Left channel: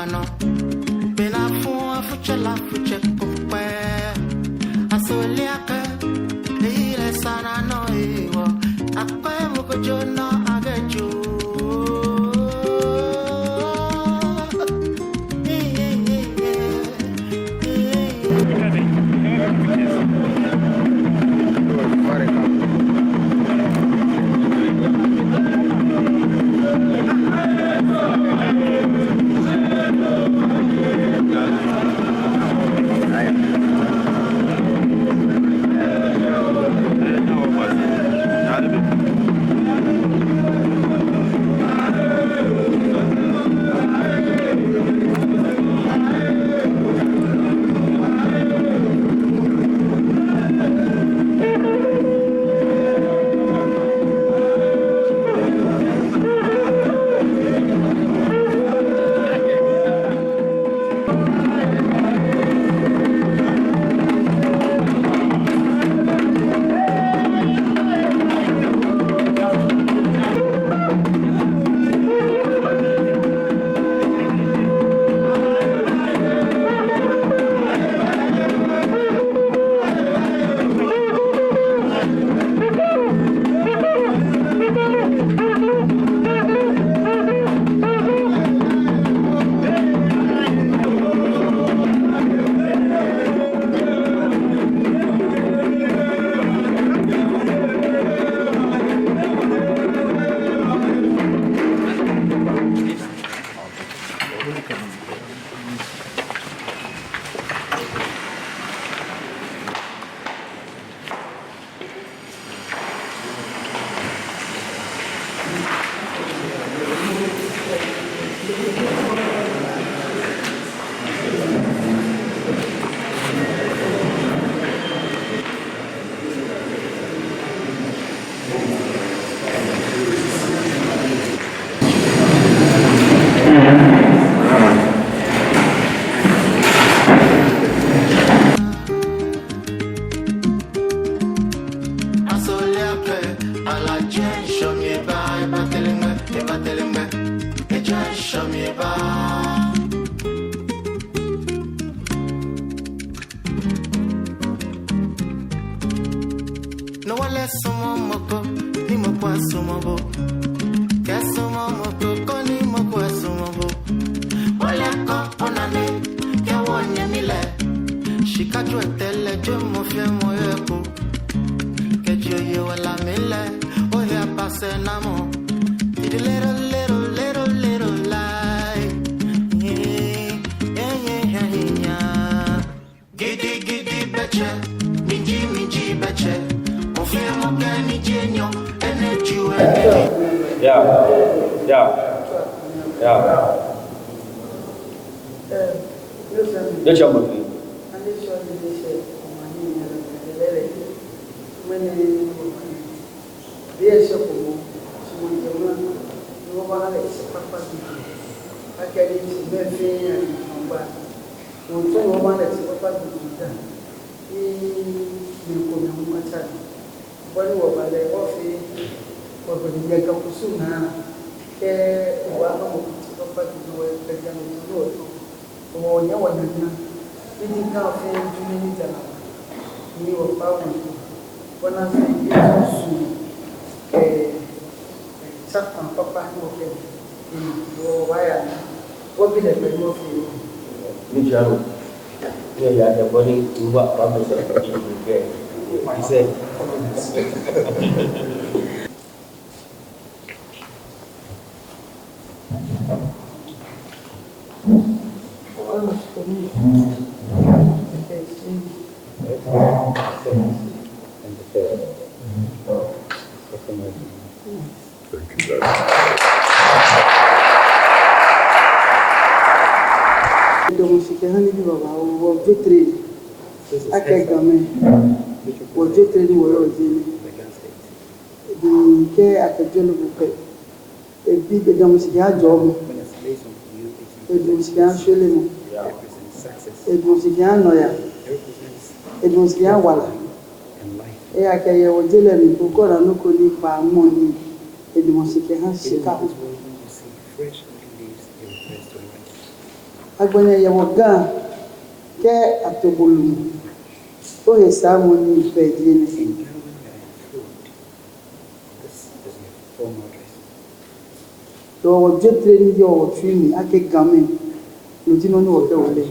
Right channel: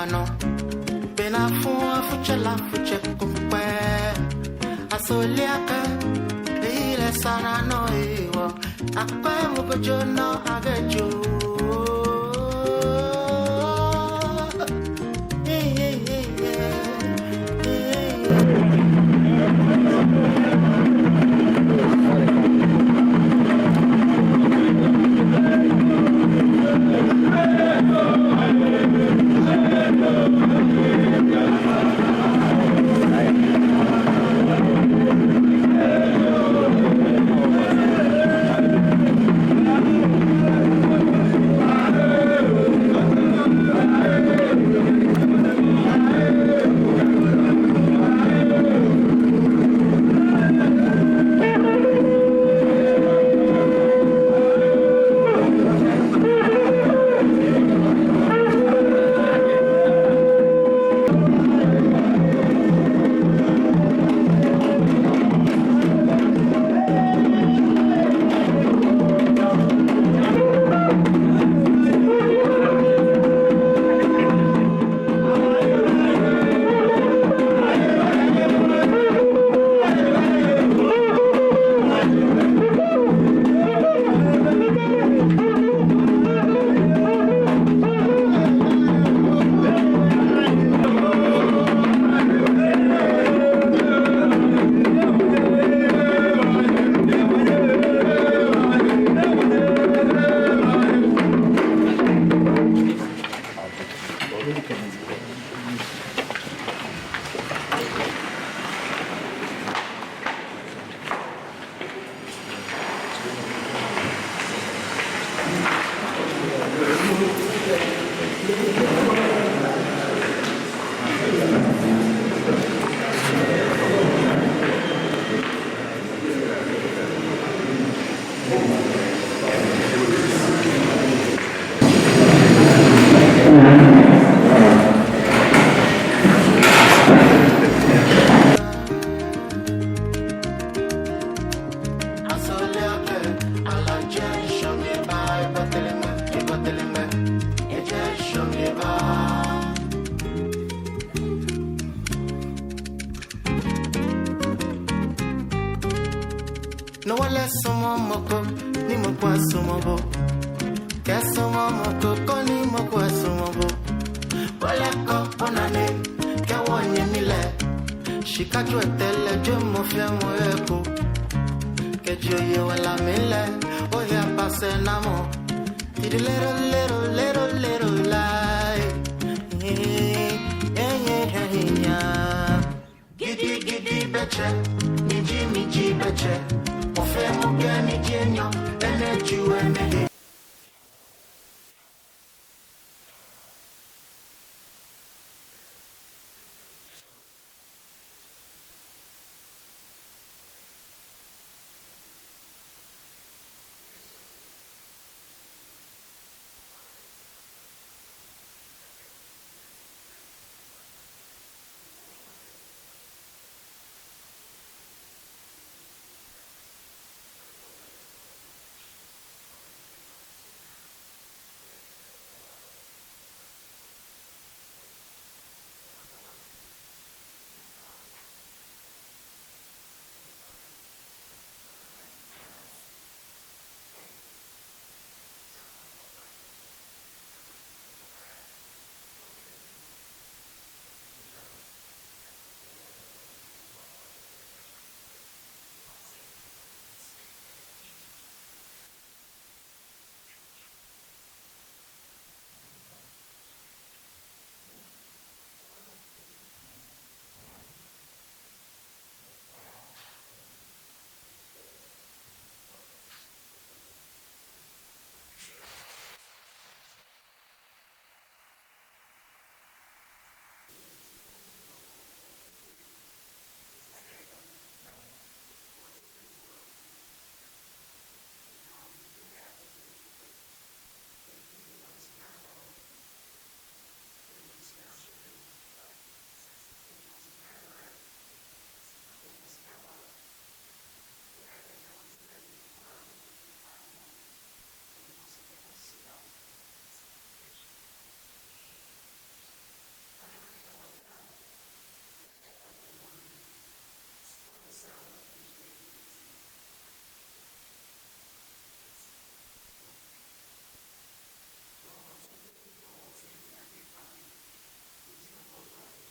mano. Pena fun fuchela fuche kumpe. Asoliaka ile sana no iwo. Akwe mukojo no ageju. No one less someone moko, ni moko sumobo. Guess someone moko, ni moko sumobo. Wale ko onane, ke wonye mile. Shikaju etele jo mo fe mo eko. Ke joye wala mile, o ya passe namo. Did a little lie. Yeah. Giddy betcha, minji betcha. Wọ́n wọ̀ balẹ̀ ọ́fì ọ̀gbẹ̀dìyẹ kakusu náà kẹ́ ìwà àmọ́ ọ̀pá tuntun wọ̀ ẹ̀jẹ̀ ní ìlú ọ̀tọ̀ ọ̀wọ̀ ọ̀nyẹ́ wọ̀ nàná níbi ká ọ̀fẹ́ dúró níta ní ọ̀pá wọn wọn náà fẹ́ yé ọ̀sùn sápà pápá ní ọ̀fẹ́ wọ̀ wáyà wọ́n bí lẹ̀ pẹ̀lú ọ̀fẹ́ yìí. Níjà ló ní ẹ̀yà àjẹbọ́ ní ìwà àbámẹ́sẹ̀ ìgbẹ́ iṣẹ́. Donc, c'est qu'un livre, on va très à quel gamin, on va très loin aujourd'hui. Donc, qu'est-ce que je veux faire? Et puis, dans ce cas, job. Et dans ce cas, je l'ai. Et dans ce cas, noya. Et dans ce cas, voilà. Et à quel moment je l'ai mis pour qu'on ne connaisse pas mon lit. Et dans ce cas, c'est ça. agbanya yɛwɔ Ghana kɛ atobolu o yɛ saa mo ni bɛdie ne yɛwɔ dwetire ni deɛ ɔwɔ trini ake game n'oti no ne wɔkɛ wɔle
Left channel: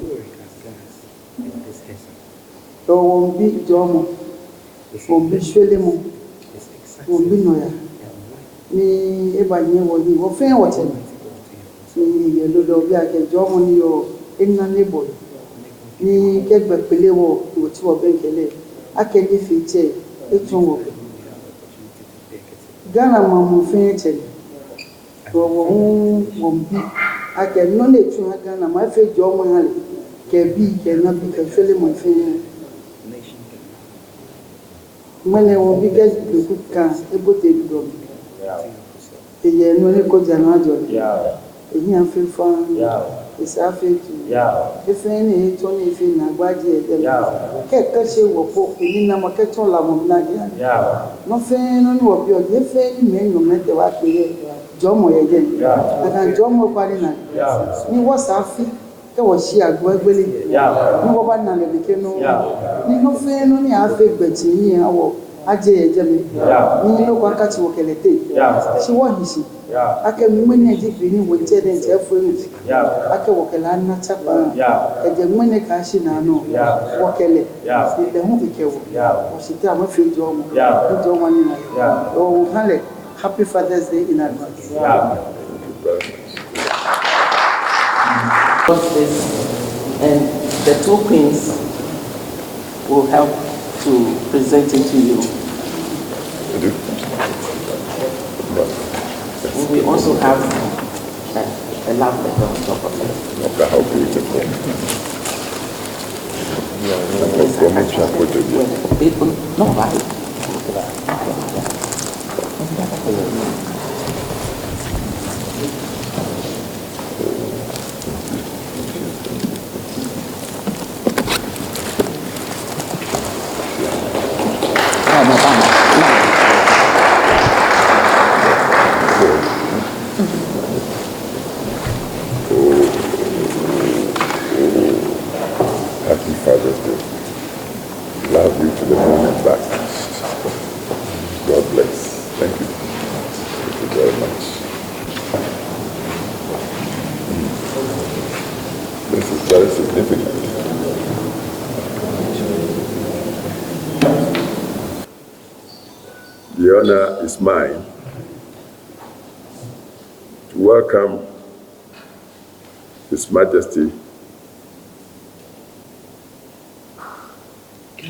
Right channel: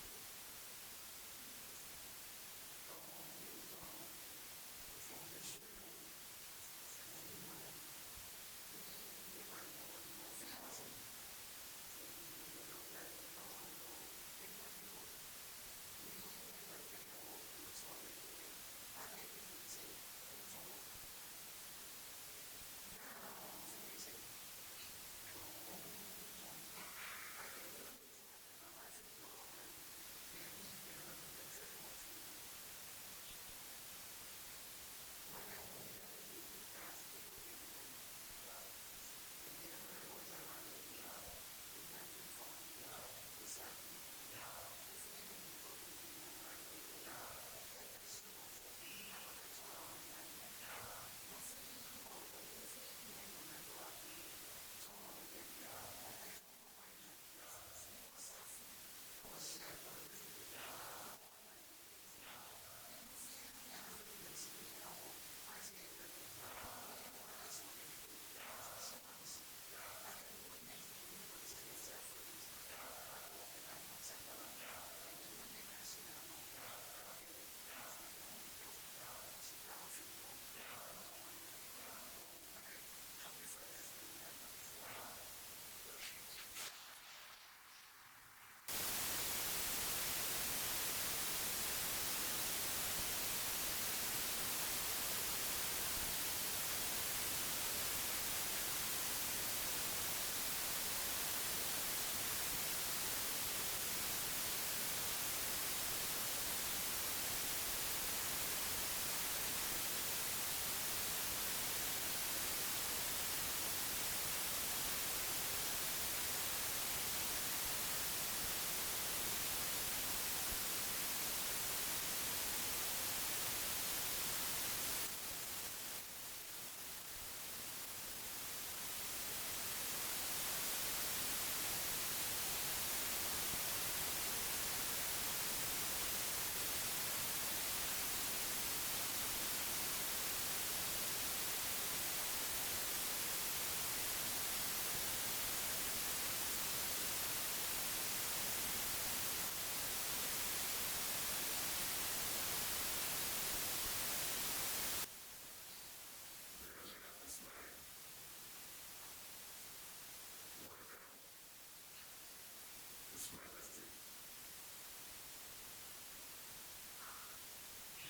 yɛwɔ bi jɔmo wɔn bi hwele mu wɔn bi nɔya ni eba nye wɔ ni wɔfɛn wɔkyɛ ni yɛ dodo bi akɛ jɔmo ni yɔ ena ne bɔ ni kɛgbɛ pele wɔ wɔti wɔ bɛn kɛlɛ akɛ ne fi kyɛ etun wɔ Ghana ma mo fɛn kyɛ wɔn bi akɛ nɔ ne tun Ghana ma fɛ jɔmo ha le kɛ bi kɛ na bi kɛ hwele mo fɛn mane wɔn bi kɛ duku kan ebote bi dɔm eyɛ no ne ko jana jɔ eyi afi fan esa afi tu efe ne eto ne efi na agbaje ɛdɛm kɛ kɛse wɔ po eyi na mo kɛtɔn la mo na no fɛn no ne wɔ bi ɔdi efe ne mɛ nyɔmɛ tɛ wa pe yɛ jɔmɔ yɛ dɛ aka jɔmɔ kwari na ni wɔ sa afi kɛ wɔ si agbo egbele ni wɔ ba na le ke no ni no fɛn no ne afi gbɛti ni awɔ aje yɛ dɛ mi ni no kwa kati wɔ kɛlɛ te si wɔ hisi ake mwene jipi ni wotere nje afunu ake wokela na chapa eje mwene ka shi na no wokele ile hu bikewo osita ma fi jo mo jo wani na o hale happy Father's Day in advance and the two queens will help to present it to you. We also have a love letter on top of it. Okay, how beautiful. No, right? Happy Father's Day. Love you to the moon and back. God bless. Thank you. Thank you very much. This is very significant. The honor is mine to welcome His Majesty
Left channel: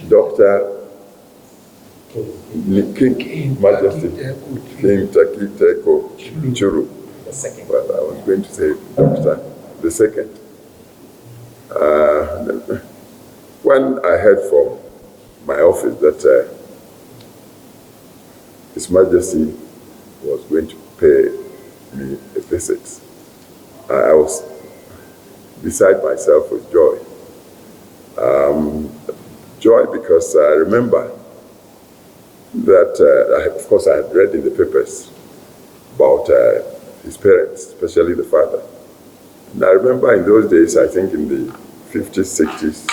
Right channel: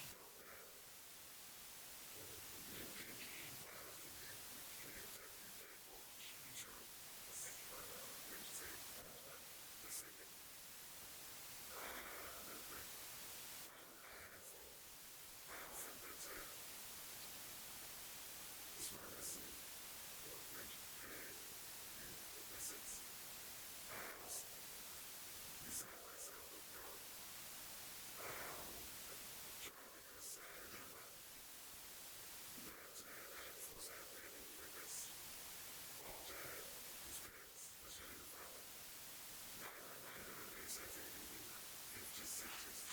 Dr. King Majesty King Tackie Teiko Tsuru. Well, I was going to say Dr. the second. When I heard from my office that His Majesty was going to pay me a visit, I was beside myself with joy. Joy because I remember that, of course, I had read in the papers about his parents, especially the father. And I remember in those days, I think in the 50s, 60s,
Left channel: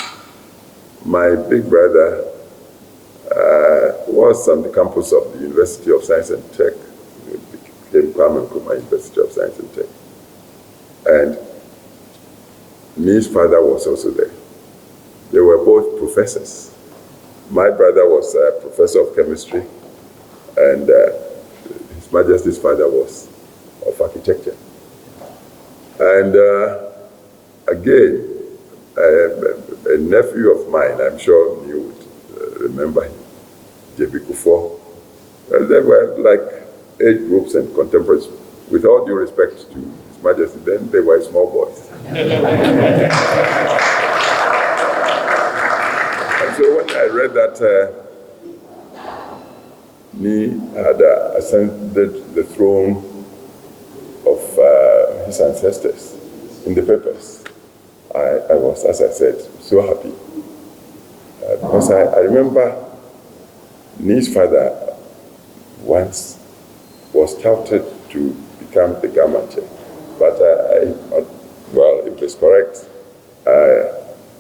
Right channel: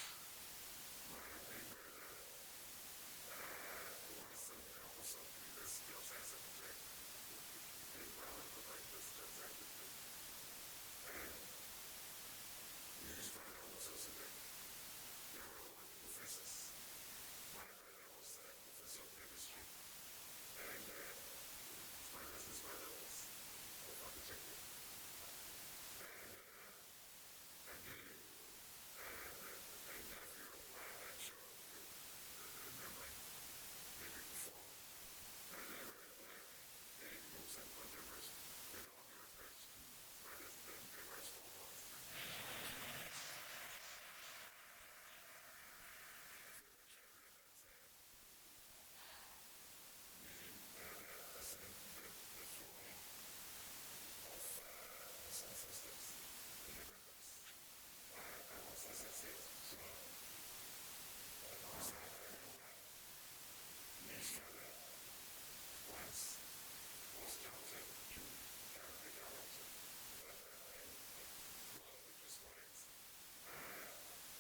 my big brother was on the campus of the University of Science and Tech. It became Kwame Nkrumah University of Science and Tech. And his father was also there. They were both professors. My brother was a professor of chemistry, and His Majesty's father was of architecture. And again, a nephew of mine, I'm sure you would remember him, J.B. Kuffour. There were like age groups and contemporaries. With all due respect to His Majesty, then they were small boys. So when I read that he had ascended the throne of his ancestors in the papers, I was, as I said, so happy. Because I remember his father once was touted to become the Gamanche. But, well, if it's correct,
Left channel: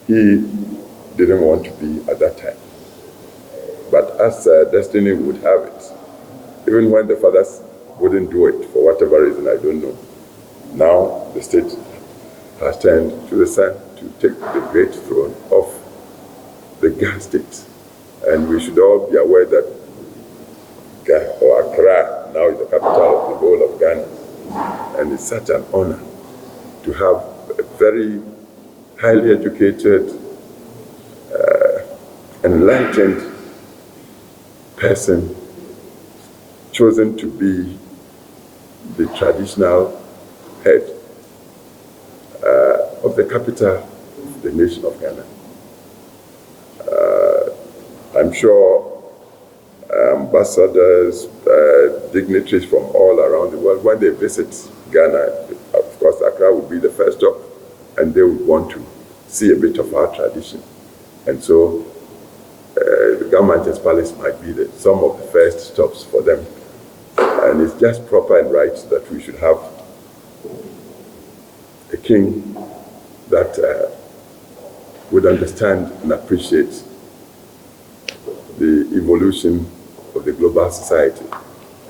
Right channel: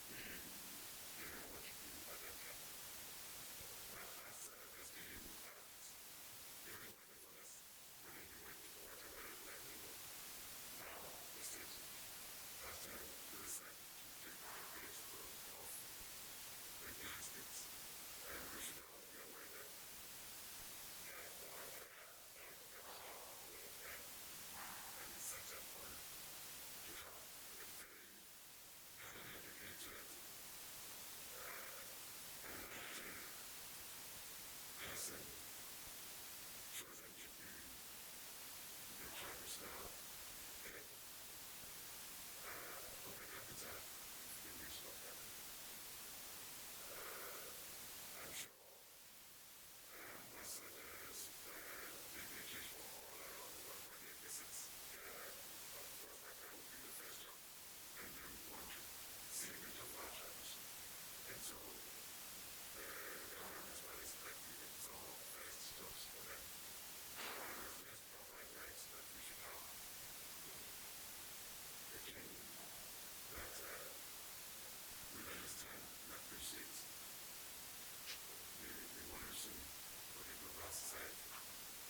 he didn't want to be at that time. But as destiny would have it, even when the fathers wouldn't do it for whatever reason, I don't know, now the state has turned to the son to take the great throne of the Ghana state. And we should all be aware that Accra now is the capital of the whole of Ghana. And it's such an honor to have a very highly educated, enlightened person chosen to be the traditional head of the capital of the nation of Ghana. I'm sure ambassadors, dignitaries from all around the world, when they visit Ghana, of course, Accra would be the first stop, and they would want to see a bit of our tradition. And so the Mantse Palace might be some of the first stops for them. And it's just proper and right that we should have a king that would understand and appreciate the evolution of the global society.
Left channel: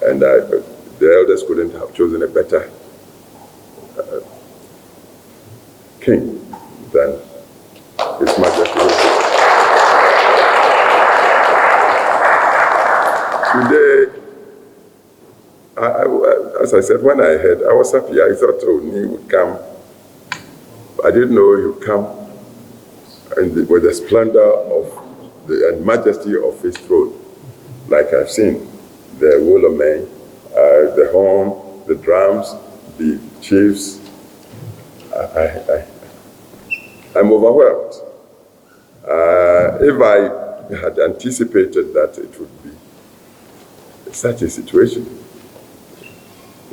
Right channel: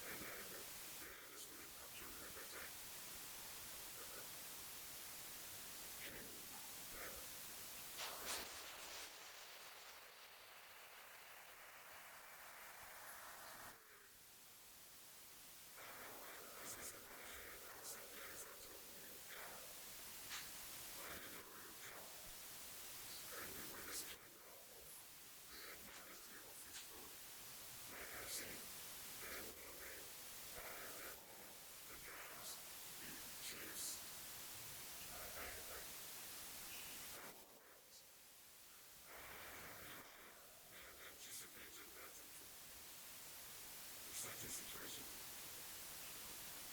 And the elders couldn't have chosen a better king than His Majesty. Today, as I said, when I heard, I was happy. I thought, oh, he would come. I didn't know he would come with the splendor of and majesty of his throne, like I've seen the Wolomei, the horn, the drums, the chiefs. I'm overwhelmed. If I had anticipated that it would be such a situation,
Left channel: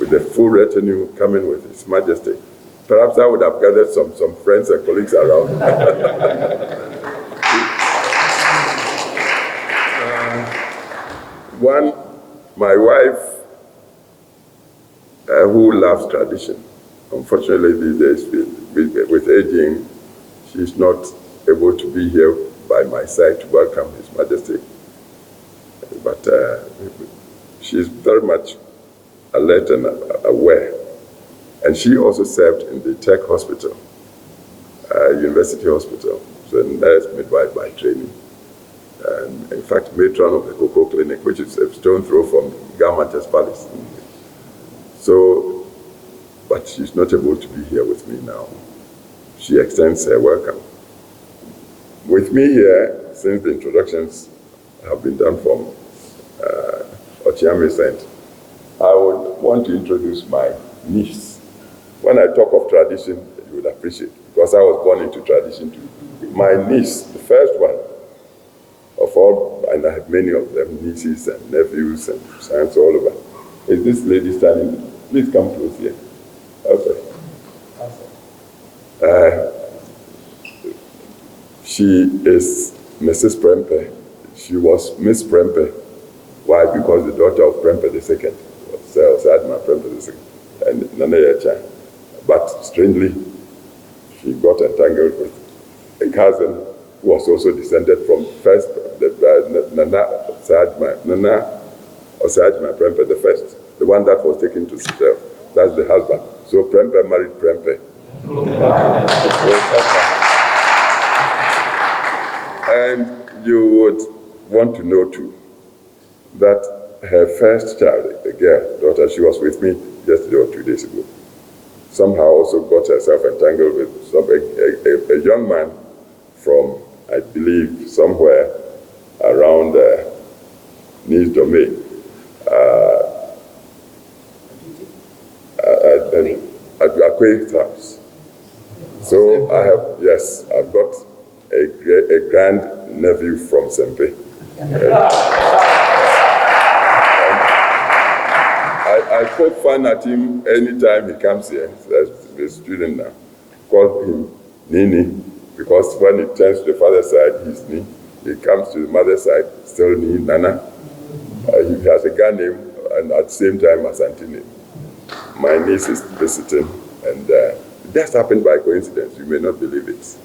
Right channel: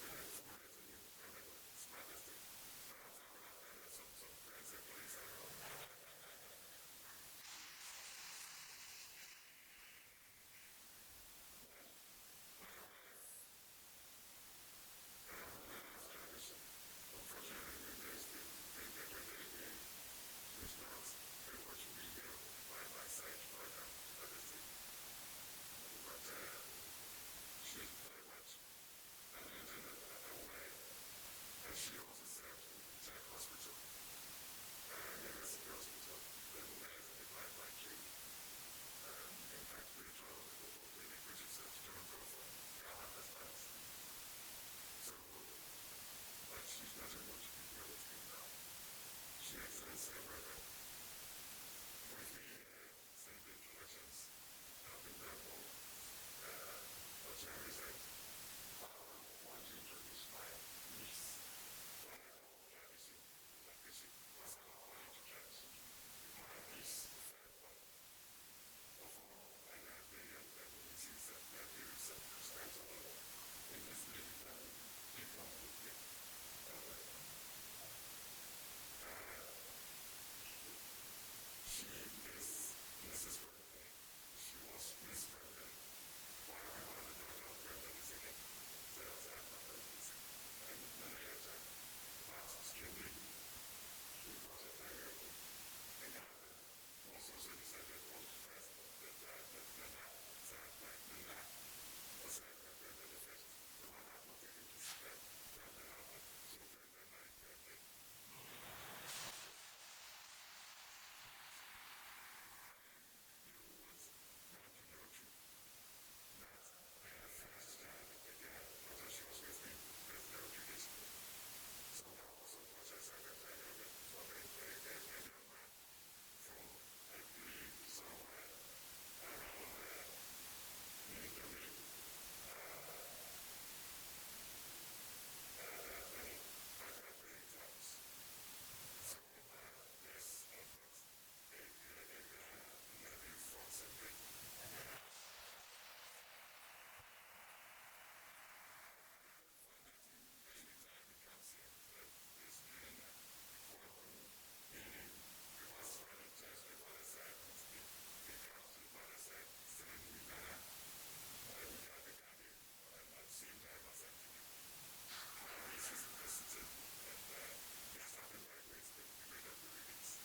with the full retinue coming with His Majesty, perhaps I would have gathered some friends and colleagues around. My wife, who loves tradition, unfortunately these days with aging, she's not able to be here by my side to welcome His Majesty. But she's very much alert and aware. And she also served in the Tech Hospital, University Hospital. So a nurse midwife by training. And in fact, matron of the Cocoa Clinic, which is a stone throw from Mantse Palace. So, but she's not able to be here with me now. She extends her welcome. With me here, since the introductions have been done from Ochiame Saint, I would want to introduce my niece. When I talk of tradition, you would appreciate, because I was born into tradition too. My niece, the first one of all, and I have many of them, nieces and nephews and sons all over, is this lady standing. Please come close here. Okay. She is Mrs. Prempe. She was Miss Prempe. Why? Because the daughter of Prempe II, Sadma Prempe II, and Nana Yacha. But strangely, she got entangled with a cousin who was also descended from first Nana Prempe the first, the one that was taken to Sicily. That's the husband. So Prempe married Prempe. And you would want to know too that her first child, a girl, daughter, she was with me yesterday or 2 days ago, somehow also got herself entangled with a young man from, I believe, somewhere around Nice Domain. At Akwe's house. So I've got a grand nephew from Sempe. I poke fun at him anytime he comes here. He's a student now. Call him Nini, because when he turns to the father's side, he's Ni. He comes to the mother's side, still Ni, Nana. He has a girl name, and at the same time as Antini. My niece is visiting, and it just happened by coincidence. You may not believe it.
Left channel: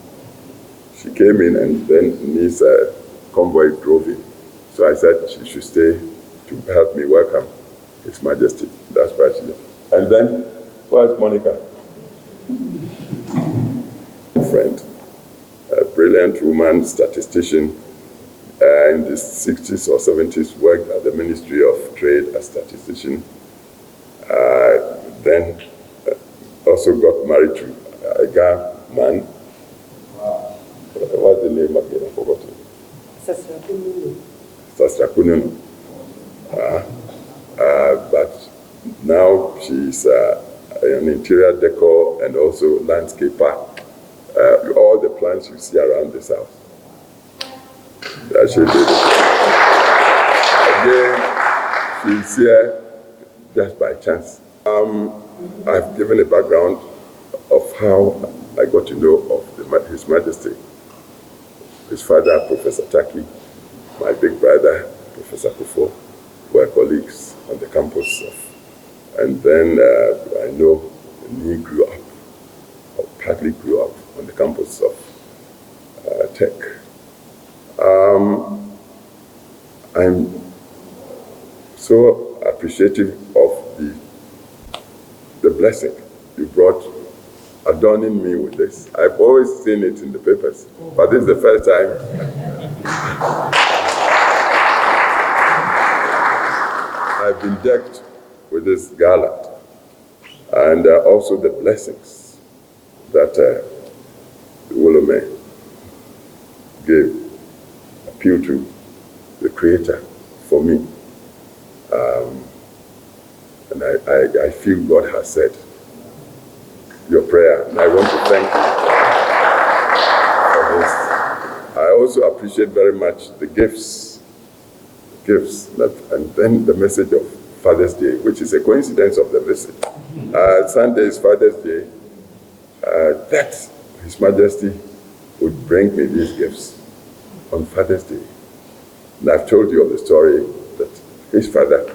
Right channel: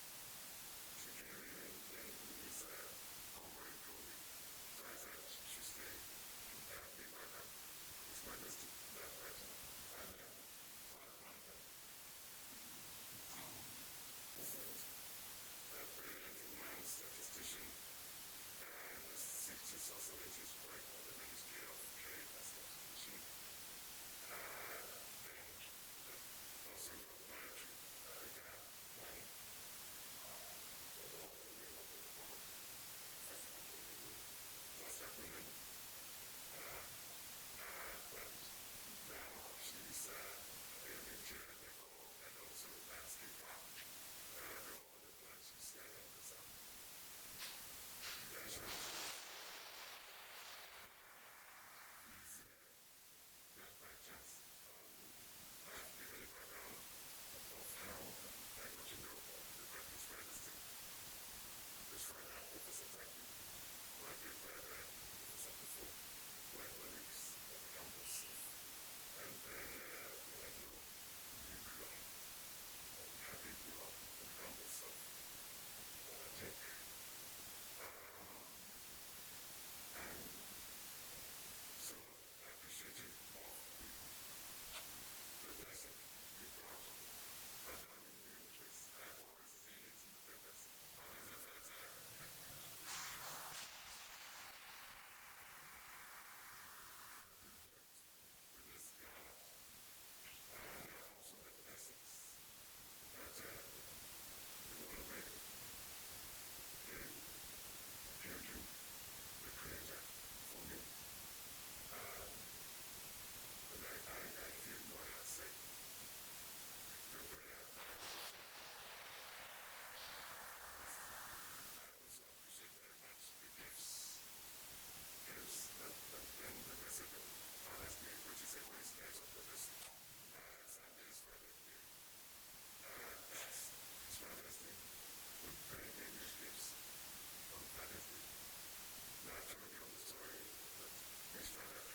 she came in, and then Ni's convoy drove in. So I said she should stay to help me welcome His Majesty. That's why she did. And then, where's Monica? Friend, a brilliant woman, statistician, in the 60s or 70s, worked at the Ministry of Trade as statistician. Then also got married to a Ga man. What's the name again? I forgot it. Sastra Kununu. But now she's an interior decor and also landscaper. All the plants you see around this house. She did it. Again, she's here just by chance. I've given a background of how I got to know of His Majesty. His father, Professor Tackie, my big brother, Professor Kuffour, were colleagues on the campus and then I know he grew up, or partly grew up, on the campus of Tech. I'm so appreciative of the blessing you brought, adorning me with this. I've always seen it in the papers, but this is the first time I've been decked with this garland, and also the blessings that the Wolome gave appeal to the Creator for me. And I feel God has said your prayer, and I want to thank you for this. I also appreciate very much the gifts, and then the message of Father's Day, which is a coincidence of the visit. Sunday is Father's Day. That His Majesty would bring me these gifts on Father's Day. And I've told you of the story that his father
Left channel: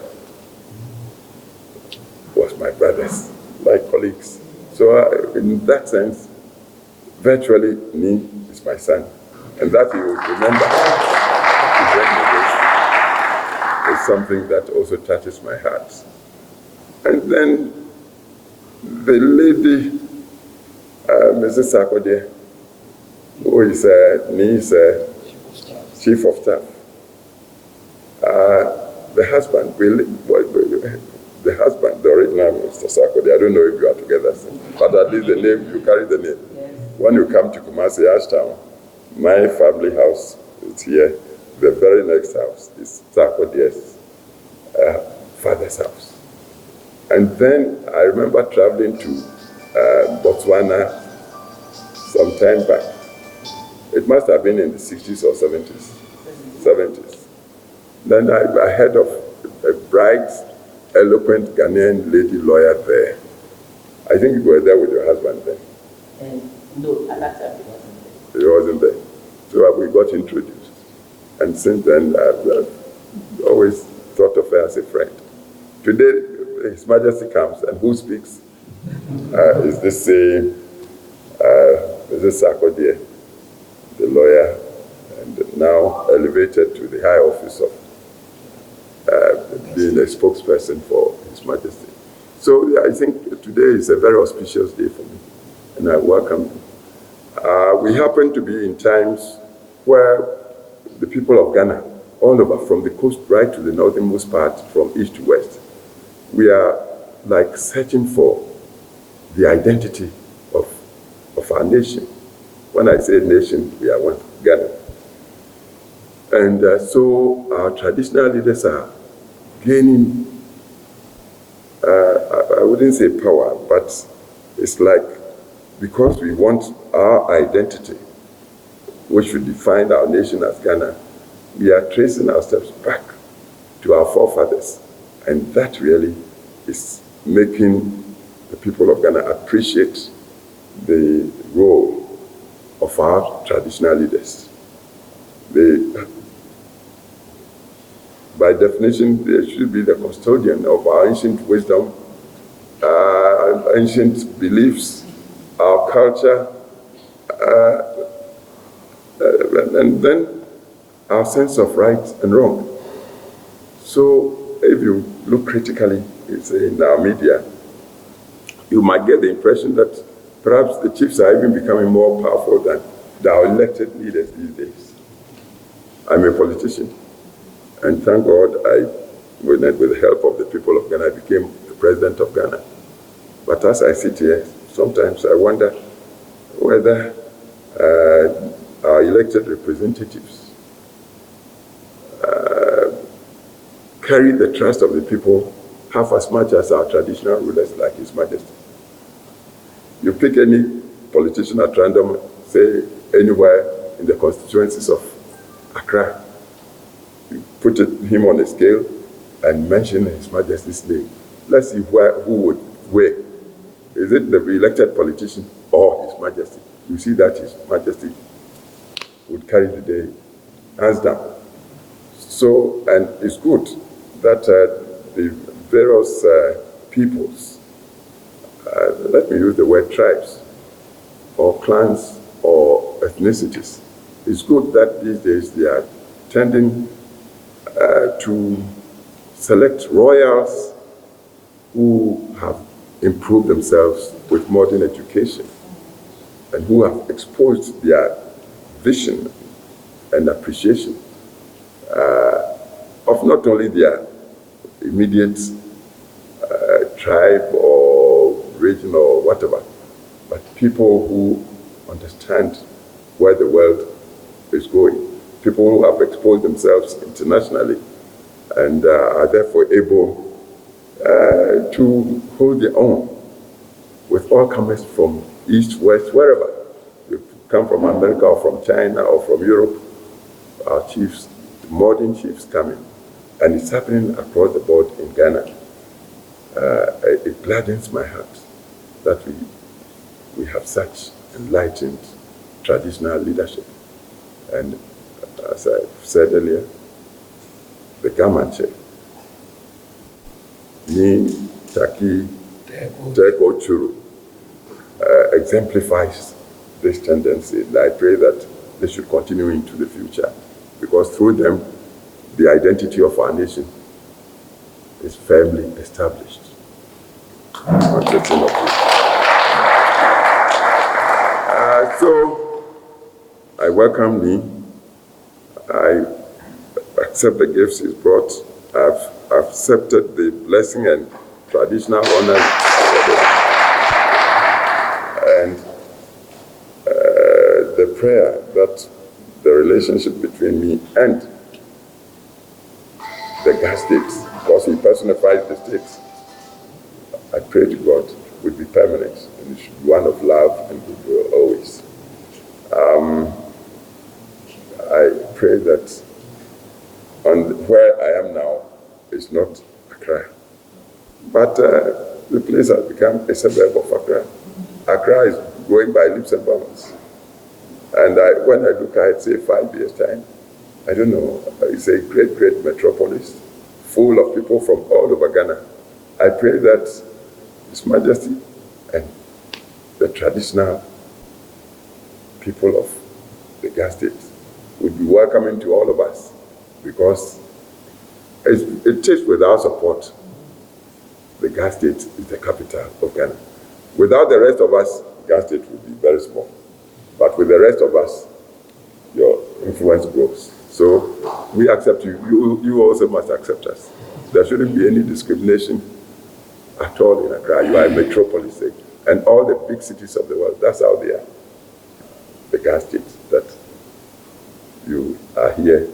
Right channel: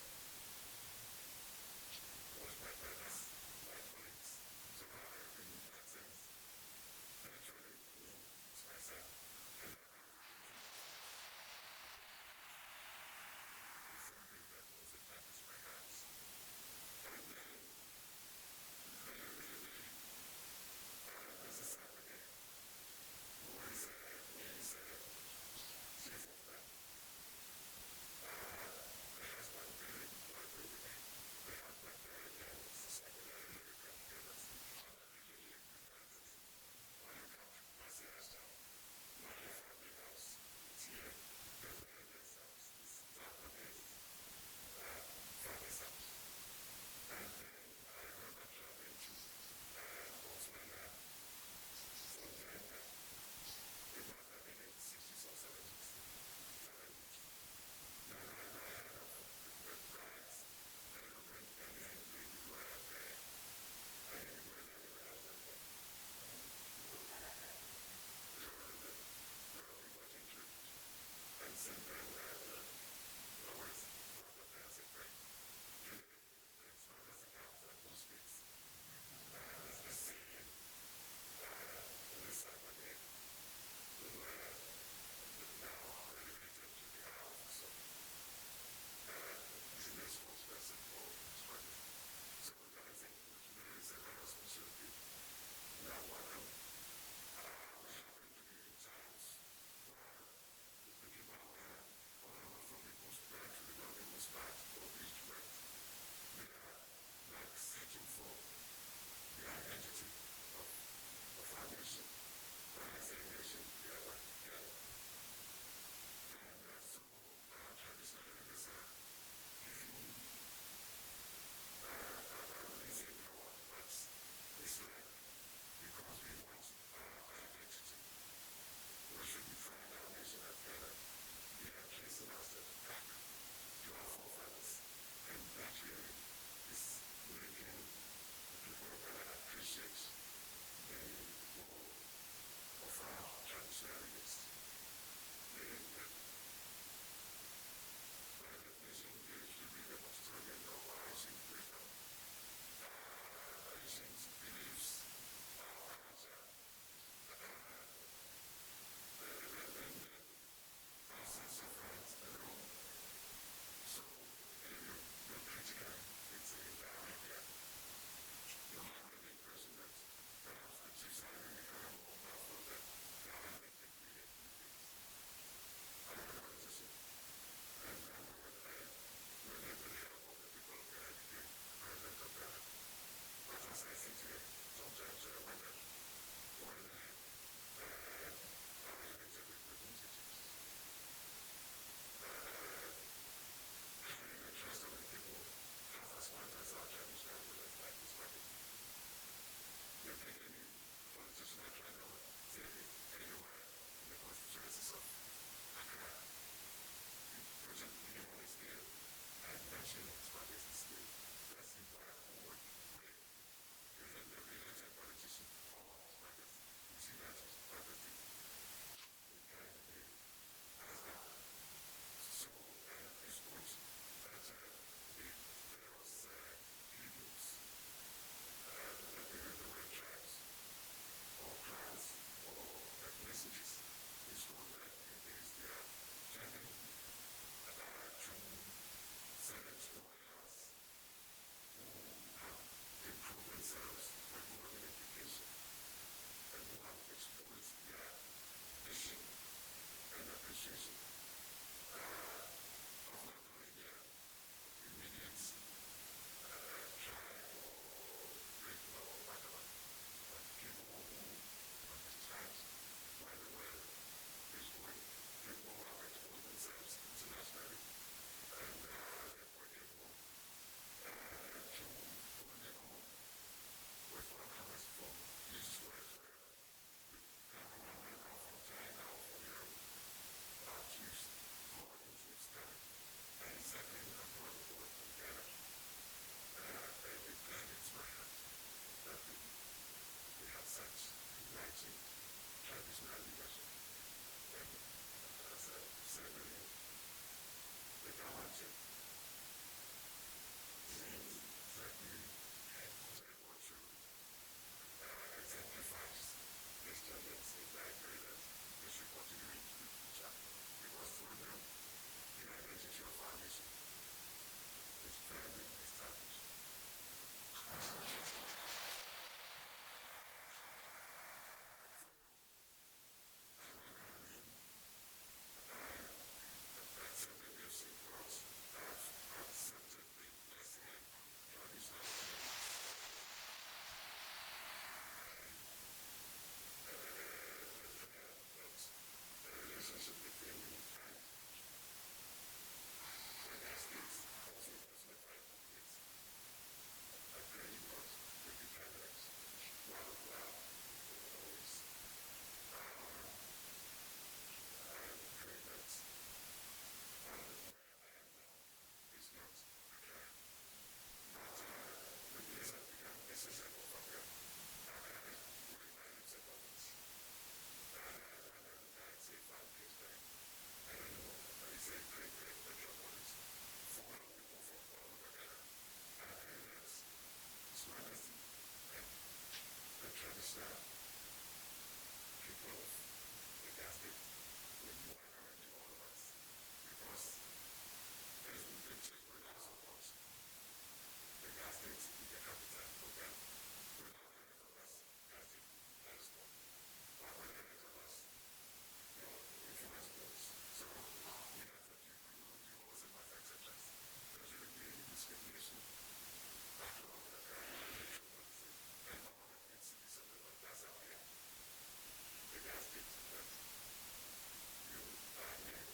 was my brothers, my colleagues. So in that sense, virtually me is my son. And that he would remember to bring me this is something that also touches my heart. And then the lady, Mrs. Sarkodie, who is Ni's chief of staff, the husband, the husband, the original Mr. Sarkodie, I don't know if you are together, but at least the name, you carry the name. Yes. When you come to Kumasi Ashtown, my family house is here. The very next house is Sarkodie's father's house. And then I remember traveling to Botswana some time back. It must have been in the 60s or 70s. Then I heard of a bright, eloquent Ghanaian lady lawyer there. I think you were there with your husband then. No, at that time he wasn't there. So we got introduced. And since then, I've always thought of her as a friend. Today, His Majesty comes, and who speaks? Is this Sarkodie, the lawyer, and now elevated to the high office of being a spokesperson for His Majesty. So I think today is a very auspicious day for me, and I welcome you. We happen to be in times where the people of Ghana, all over, from the coast right to the northernmost part, from east to west, we are like searching for the identity of our nation. When I say nation, we are one, Ghana. And so our traditional leaders are gaining, I wouldn't say power, but it's like, because we want our identity, which should define our nation as Ghana, we are tracing our steps back to our forefathers. And that really is making the people of Ghana appreciate the role of our traditional leaders. By definition, they should be the custodian of our ancient wisdom, ancient beliefs, our culture, and then our sense of right and wrong. So if you look critically in our media, you might get the impression that perhaps the chiefs are even becoming more powerful than our elected leaders these days. I'm a politician, and thank God with the help of the people of Ghana, I became the president of Ghana. But as I sit here, sometimes I wonder whether our elected representatives carry the trust of the people half as much as our traditional rulers like His Majesty. You pick any politician at random, say anywhere in the constituencies of Accra, you put him on a scale and mention His Majesty's name. Let's see who would weigh. Is it the elected politician or His Majesty? You see that His Majesty would carry the day, hands down. So, and it's good that the various peoples, let me use the word tribes, or clans, or ethnicities, it's good that these days they are tending to select royals who have improved themselves with modern education and who have exposed their vision and appreciation of not only their immediate tribe or region or whatever, but people who understand where the world is going, people who have exposed themselves internationally and are therefore able to hold their own with all comers from east, west, wherever. You come from America or from China or from Europe, our chiefs, the modern chiefs coming. And it's happening across the board in Ghana. It gladdens my heart that we have such enlightened traditional leadership. And as I said earlier, the Mantse, Tackie Teiko Tsuru, exemplifies this tendency. And I pray that they should continue into the future, because through them, the identity of our nation is firmly established. So, I welcome Lee. I accept the gifts he's brought. I've accepted the blessing and traditional honor. And the prayer that the relationship between me and the Ghana state, because he personifies the state, I pray to God would be permanent, and it should be one of love and goodwill always. I pray that where I am now is not Accra, but the place has become a suburb of Accra. Accra is going by leaps and bounds. And when I look at, say, 5 years' time, I don't know, it's a great, great metropolis, full of people from all over Ghana. I pray that His Majesty and the traditional people of the Ghana state would be welcoming to all of us, because it takes with our support. The Ghana state is the capital of Ghana. Without the rest of us, Ghana state would be very small. But with the rest of us, your influence grows. So we accept you. You also must accept us. There shouldn't be any discrimination at all in Accra. You are a metropolis, and all the big cities of the world, that's how they are. The Ghana state, that you are here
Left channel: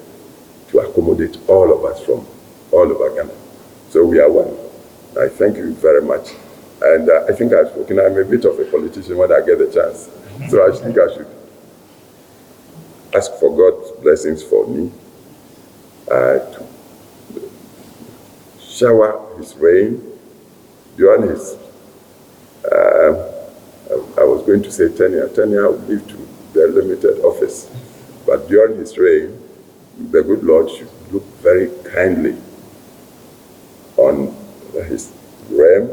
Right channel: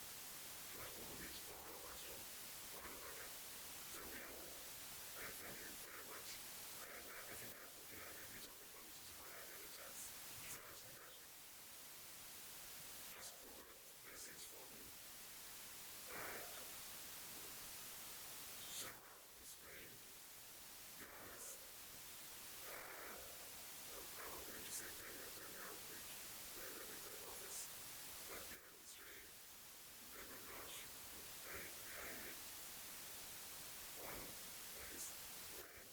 to accommodate all of us from all over Ghana. So we are one. I thank you very much. And I think I've spoken. I'm a bit of a politician when I get the chance. So I think I should ask for God's blessings for me, to shower His rain during His, I was going to say tenure. Tenure would leave to their limited office. But during His reign, the good Lord should look very kindly on His realm,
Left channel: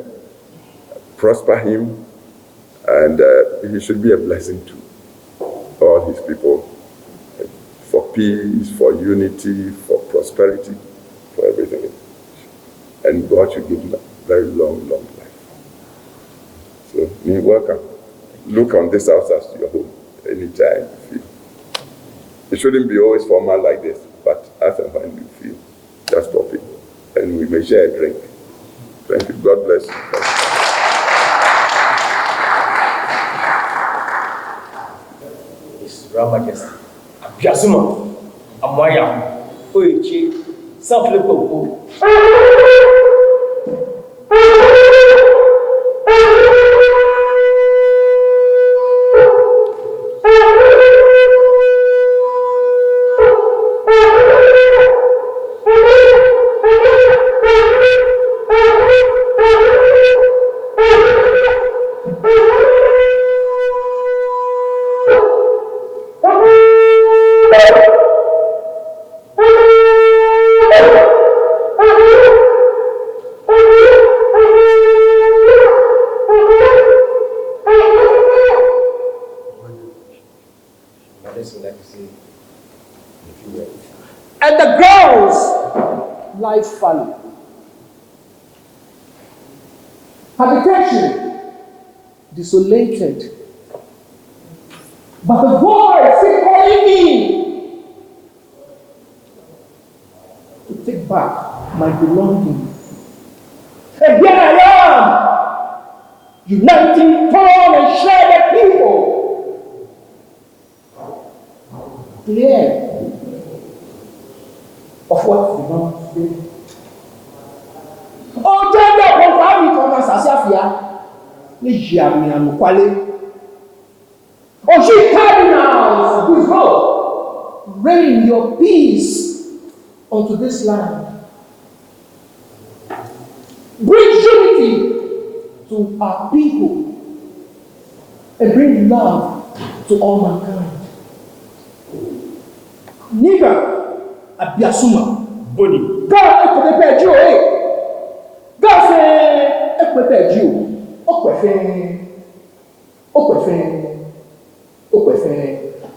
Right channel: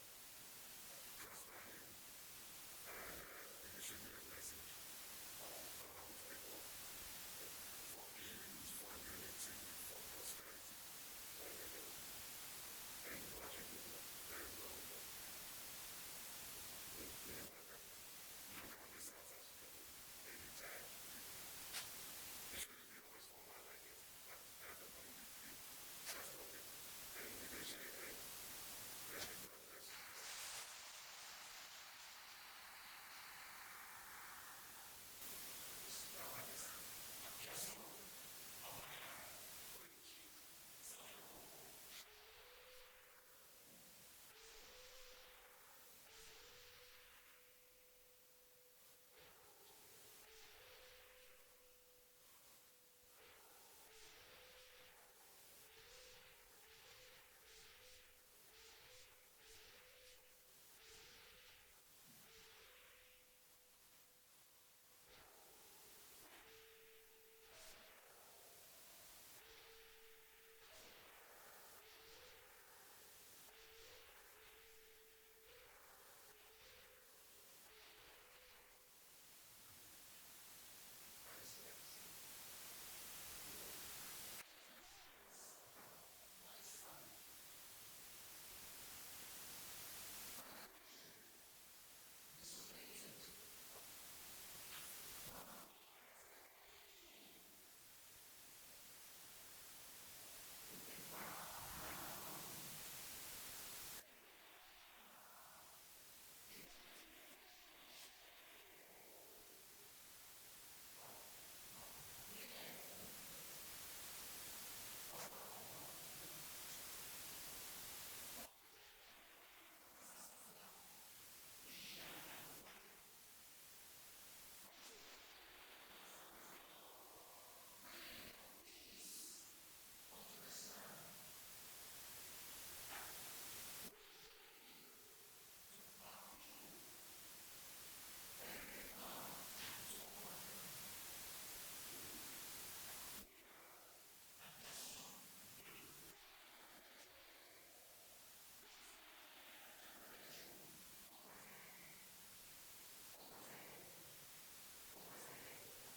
prosper him, and he should be a blessing to all his people, peace, for unity, for prosperity, for everything. And God should give him a very long life. So, you're welcome. Look on this house as your home anytime you feel. It shouldn't be always formal like this, but as and when you feel, just pop in. And we may share a drink. Thank you. God bless you. His Royal Majesty. Abiasuma. Amwaya. Oichi. Sanflepo. And the girls lie fallow. Habitation desolated. But the voice is calling me to take back my belongings. And here I am, uniting torn and shredded people. Clear of what belongs to them. Oh, tell them what we come as Asafia. Oh, she cardinals, good God, rain your peace unto this land. Bring unity to our people and bring love to all mankind. Nigga, Abiasuma, Boni. God, ekwete you, eh? God say, ekwete you. Okwefe.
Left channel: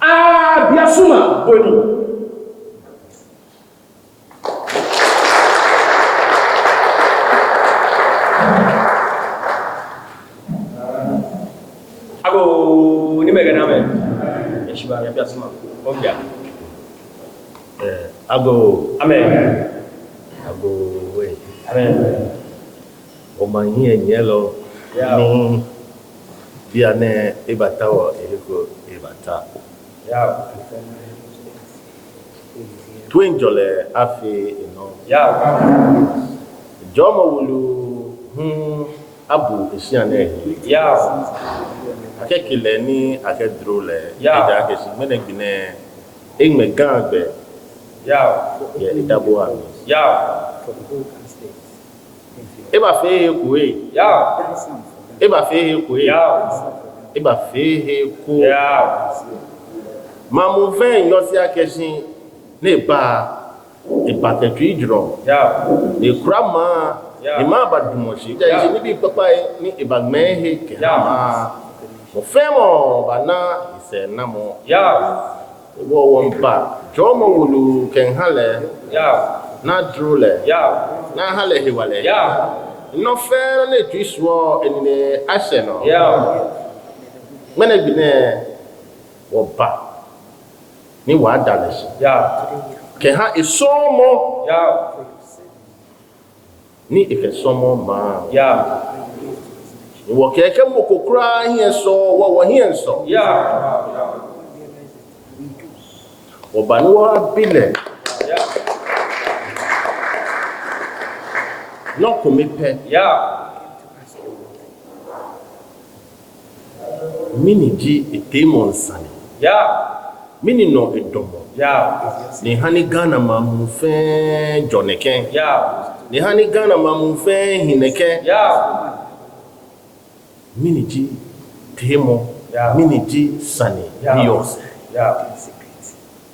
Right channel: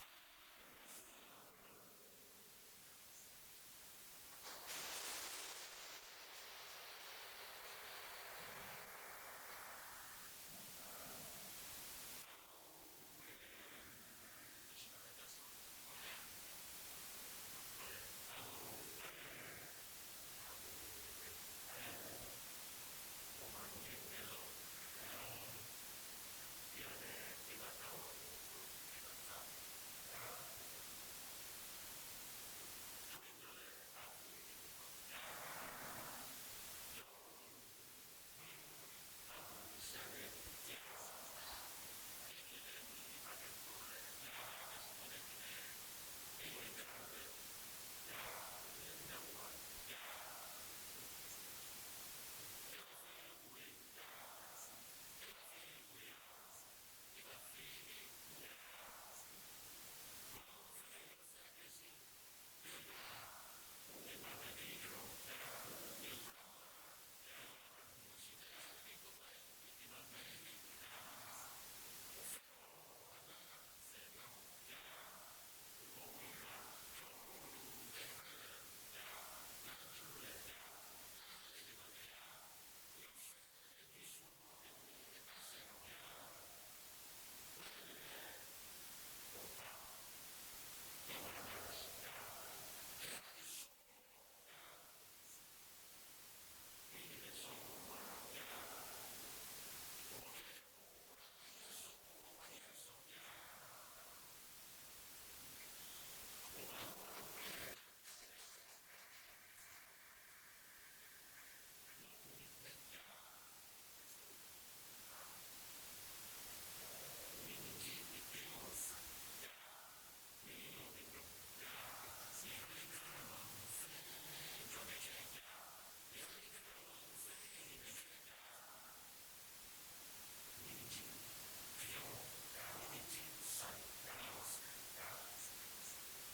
Abiasuma, Boni. Ago ni mega na me. Yeshiba Abiasuma. Obia. Ago. Amen. Ago. Wait. Amen. Omanyi enyelo. Yeah. Ni biane ebata wa ehiko ebata. Yeah. Twinjole afi Yeah. Jomo wulu abu esiane. Yeah. Akekile ni akedrole. Yeah. Eja akesi menegbine egme gangbe. Yeah. Ye idabo ami. Yeah. Eba fe kuwe. Yeah. Eba fe kuwe. Yeah. Eba fe ku. Yeah. Mamu ven yosi akesi ne ba ipatetu idro. Yeah. Ne krama Yeah. ne ma badumoshi. Ja Yeah. isi ni bi papa ni ibagme ke. Yeah. Mo femo bana ise namo. Yeah. Wo wompa. Jomo wulu kenhale Yeah. na drole. Yeah. Na hale hiwale. Yeah. No fair ne twiswo enine ashe no. Yeah. Mene bine wo ba ni wa daleshi. Yeah. Ke ha isomo Yeah. ni ifesomo ma. Yeah. Wo keke mo kokura hie so wo hie so. Yeah. Wo ba ni wa bile Yeah. no komepe Yeah. mini ji etemonsani. Yeah. Mini no edomo. Yeah. Ni hani Ghana mamu fe joneke. Yeah. Ni hani Ghana mamu fe hineke. Yeah. Mini ji temo. Yeah. Mini ji sani. Yeah. Bios. Yeah.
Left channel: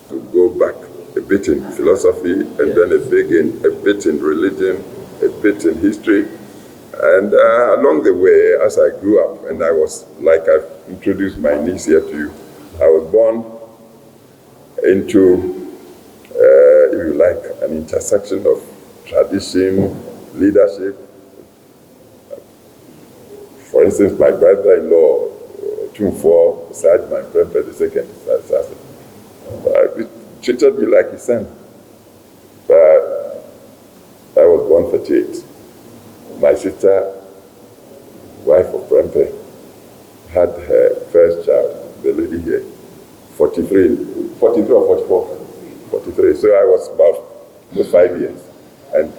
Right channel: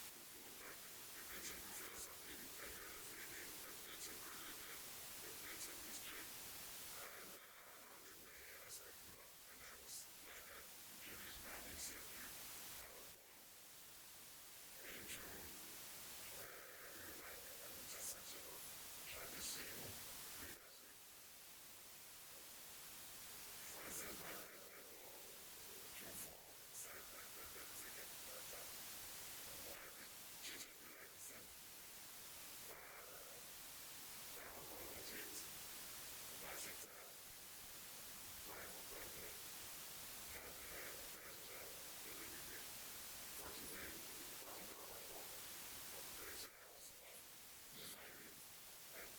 To go back a bit in philosophy and then a bit in religion, a bit in history. And along the way, as I grew up, and I was, like I've introduced my niece here to you, I was born into intersection of tradition, leadership. For instance, my brother-in-law, Kuffour, Sergeant my Prempeh II, he treated me like his son. But I was born 38. My sister, wife of Prempeh, had her first child, the lady here, 43 or 44? 43. So I was about 5 years. And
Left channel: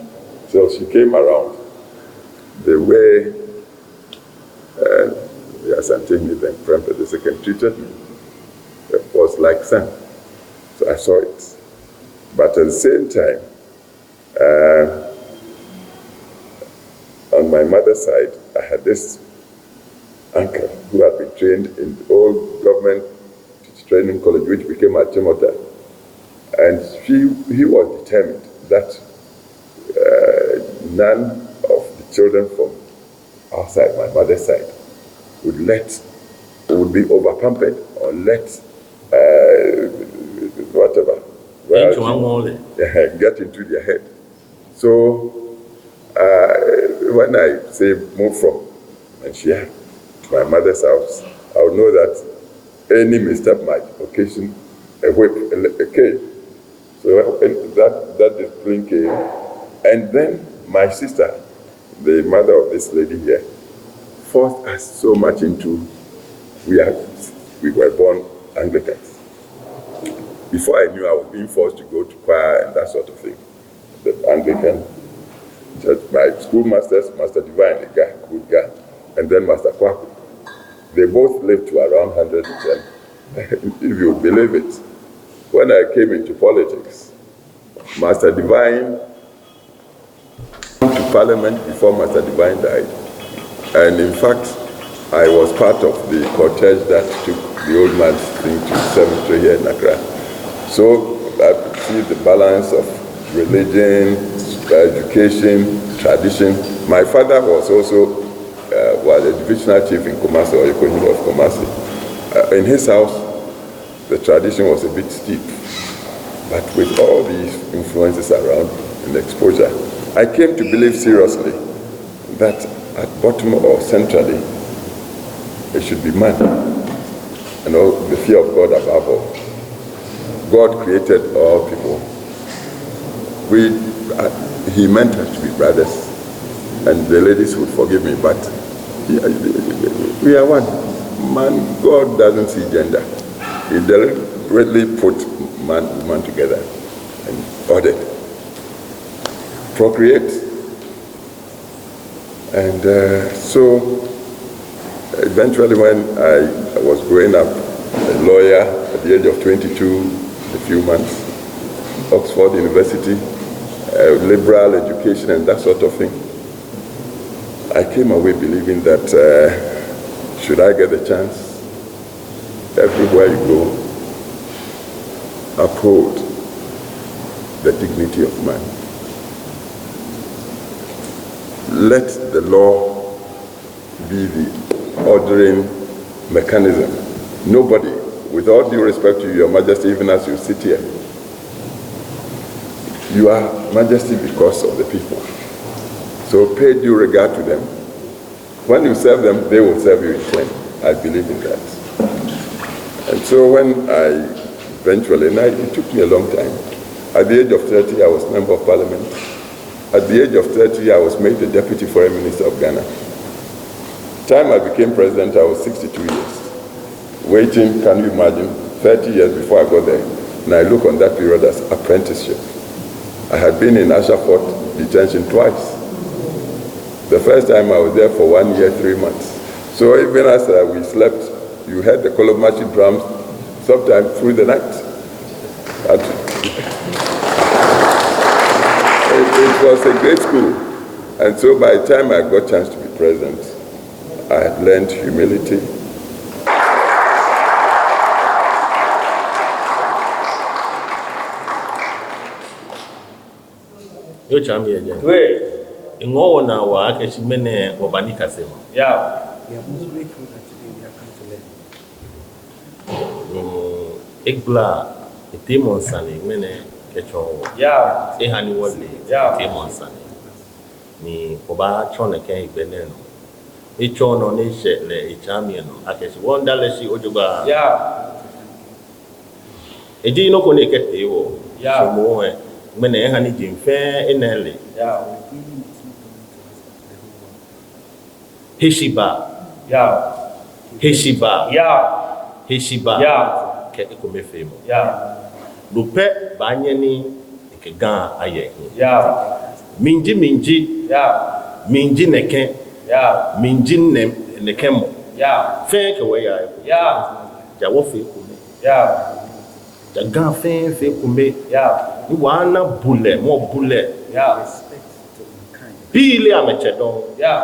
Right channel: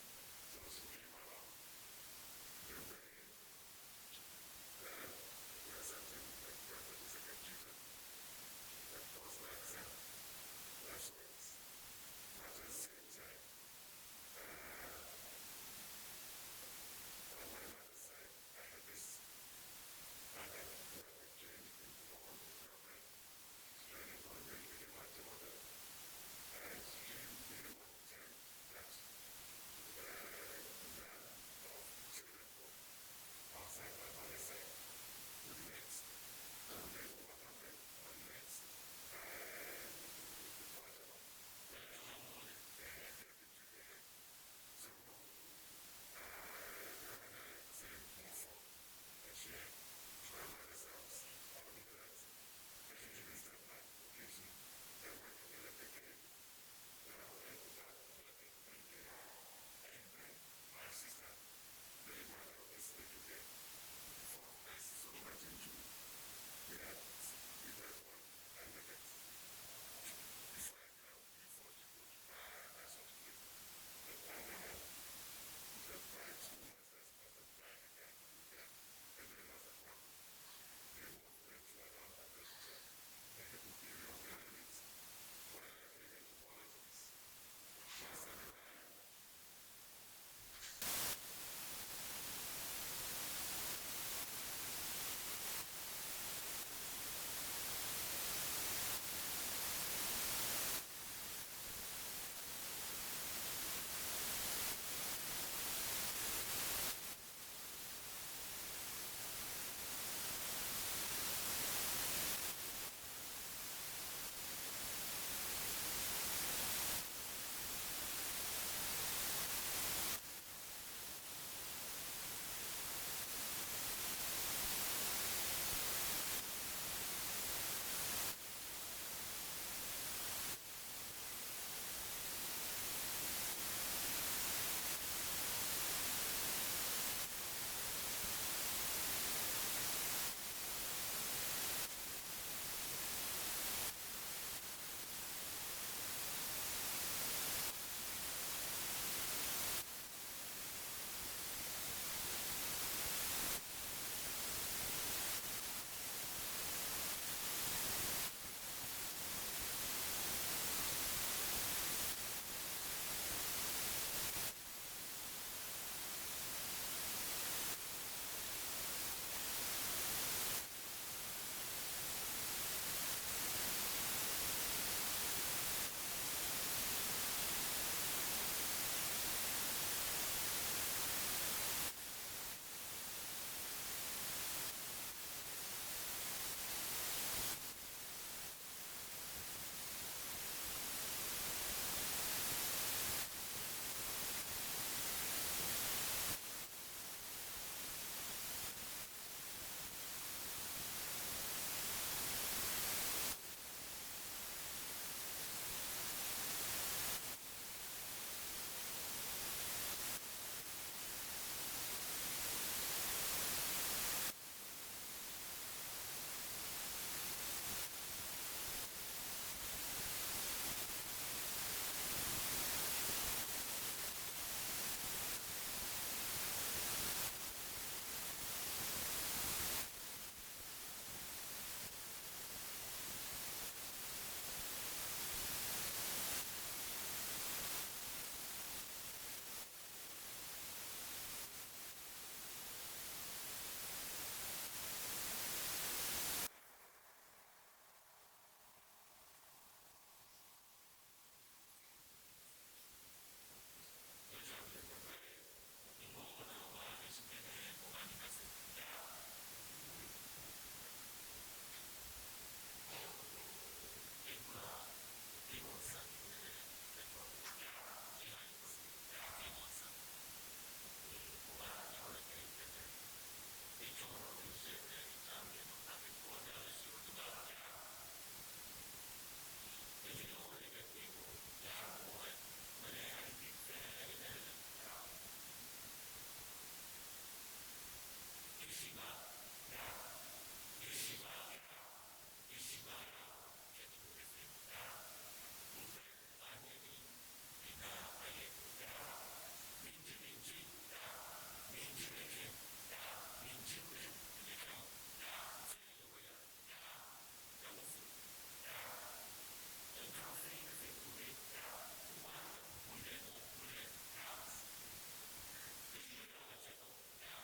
so she came around. The way the Asantehene then Prempeh II treated me, it was like son. So I saw it. But at the same time, on my mother's side, I had this uncle who had been trained in the old government training college, which became at Timota. And he was determined that none of the children from our side, my mother's side, would be over-pampered or let whatever get into their head. So when I say move from Manchia to my mother's house, I would know that any misstep might occasion a whip, a cane. So that discipline came. And then my sister, the mother of this lady here, forced us so much into, we were born Anglicans. Before I knew, I was being forced to go to choir and that sort of thing. The Anglican church, my schoolmasters, Master Divine, a guy, good guy, and then Master Kwaku. They both lived to around 110. If you believe it, when I came into politics, Master Divine came to Parliament before Master Divine died. And in fact, I was part of the cortege that took the old man's thing to cemetery here in Accra. So I see the balance of religion, education, tradition. My father was also a divisional chief in Kumasi, or Economy of Kumasi. In his house, the tradition was a bit steep. But with all these influences around and exposure, I came to believe seriously that at bottom or centrally, it should be man. And all the fear of God above all. God created all people. He meant us to be brothers. And the ladies would forgive me, but we are one. Man, God doesn't see gender. He deliberately put man and woman together and ordered. Procreate. And so eventually when I was growing up, a lawyer at the age of 22, a few months, Oxford University, liberal education and that sort of thing, I came away believing that should I get the chance, everywhere you go, uphold the dignity of man. Let the law be the ordering mechanism. Nobody, with all due respect to Your Majesty, even as you sit here, you are Majesty because of the people. So pay due regard to them. When you serve them, they will serve you in turn. I believe in that. And so when I eventually, and it took me a long time. At the age of 30, I was Member of Parliament. At the age of 30, I was made the Deputy Foreign Minister of Ghana. The time I became President, I was 62 years. Waiting, can you imagine, 30 years before I got there. And I look on that period as apprenticeship. I had been in Ashford detention twice. The first time I was there for 1 year, 3 months. So even as we slept, you heard the Kolomachi drums sometime through the night. It was a great school. And so by the time I got a chance to be president, I had learned humility. Yo chami ya jana. We. Ingowo na wa akeshi mene wabani kasema. Yeah. We are most grateful that today we have come to learn. Ekbla itimon sani mene echo Yeah. ehani wole Yeah. kemonsa ni oba chona ke ibeneno echo no ne she le echamie no akesi wondale si ojoba Yeah. eji no ko ne kete wo Yeah. so mo he mene ehani jimfe enele Yeah. Heshiba Yeah. Heshiba Yeah. Yeah. ke ekomefemo Yeah. lupe banyeni ke gan aye Yeah. minji Yeah. minji neke Yeah. minji nekemo Yeah. fe ke we ya Yeah. ja wo fe kume Yeah. ja gan fe kume Yeah. ni wana bule Yeah. bile ameche don Yeah.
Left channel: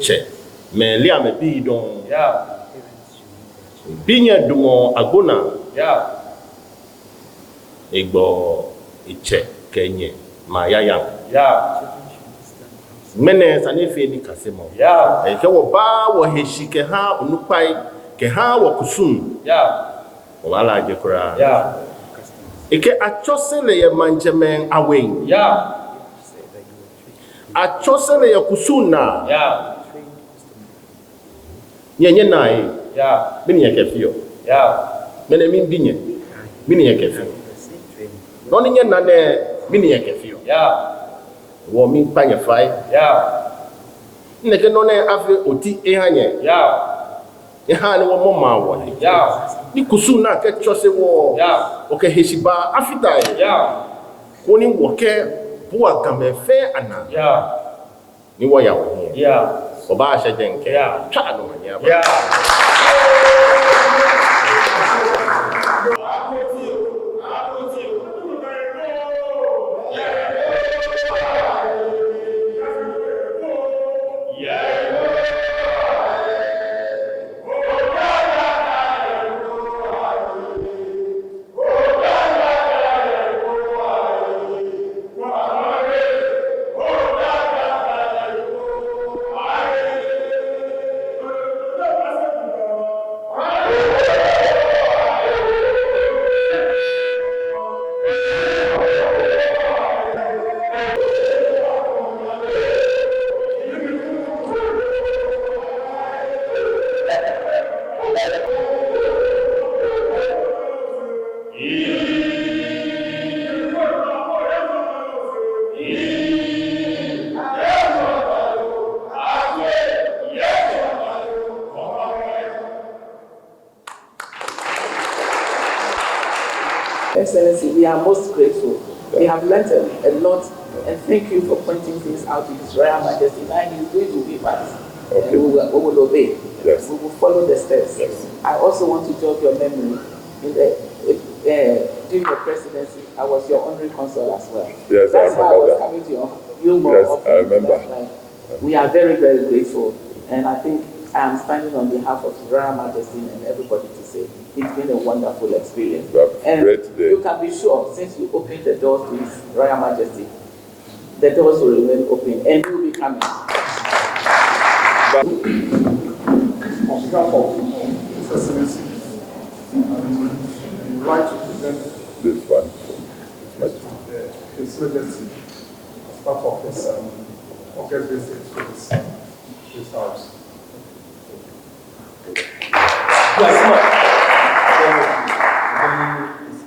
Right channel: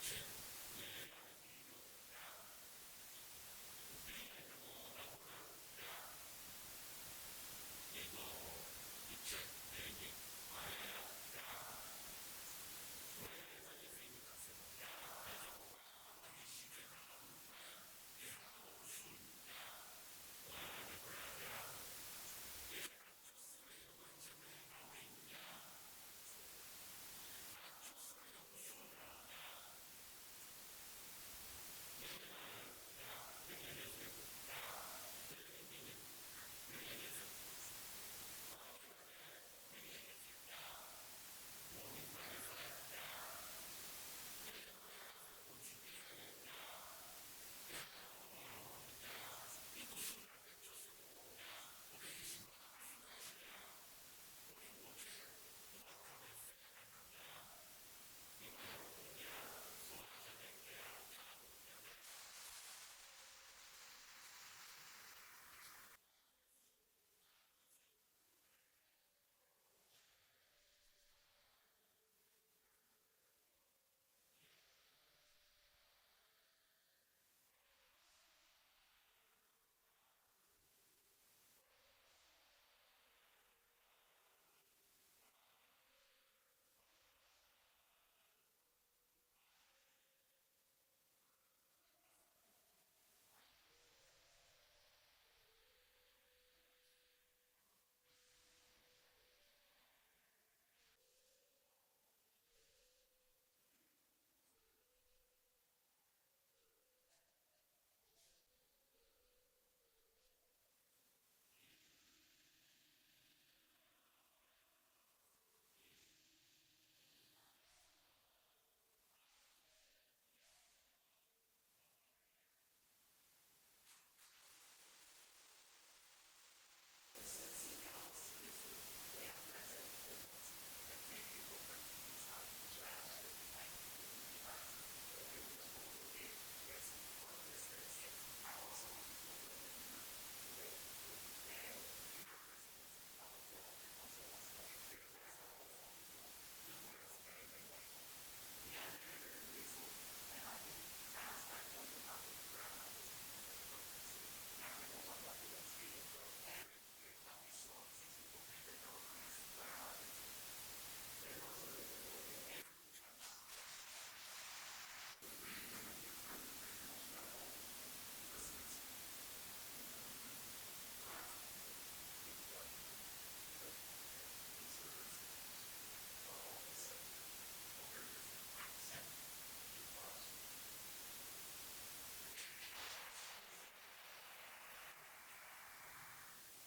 che me li ame bi don Yeah. binya dumo agona Yeah. egbo iche kenye mayaya Yeah. mene sanefe ni kasemo Yeah. ke wo ba wo heshi ke ha onupai ke ha wo kusum Yeah. wala je kura Yeah. eke achosele ye manjemen awen Yeah. achosele ye kusuna Yeah. nyenye nai Yeah. bini ye kefio Yeah. mene min binye bini ye kefio noni nye nane bini ye kefio Yeah. wo min panye fai Yeah. neke none afi oti ehanye Yeah. ehane wo moma wo Yeah. ni kusuna ke chose wo Yeah. oke heshiba afita Yeah. koni wo ke bua gambe fe ana Yeah. ni wo ya wo Yeah. oba ashe jenke Yeah. cha no manya ba Yeah. Excellency, we are most grateful. We have learned a lot, and thank you for pointing things out to His Royal Majesty. And He's going to be us, and we will obey. Yes. We will follow the steps. Yes. I also want to jog your memory. During the presidency, I was your honorary consul as well. Yes, That's I why I remember was that. coming to your more Yes, often. I remember. That's right. We are very, very grateful, and I think I am standing on behalf of His Royal Majesty and everybody to say it's been a wonderful experience. Well, And great day. you can be sure, since you opened the doors to His Royal Majesty, the doors will remain open and you will be coming. On behalf of His Excellency, I would like to present This one. His Majesty as part of his August visit to his house.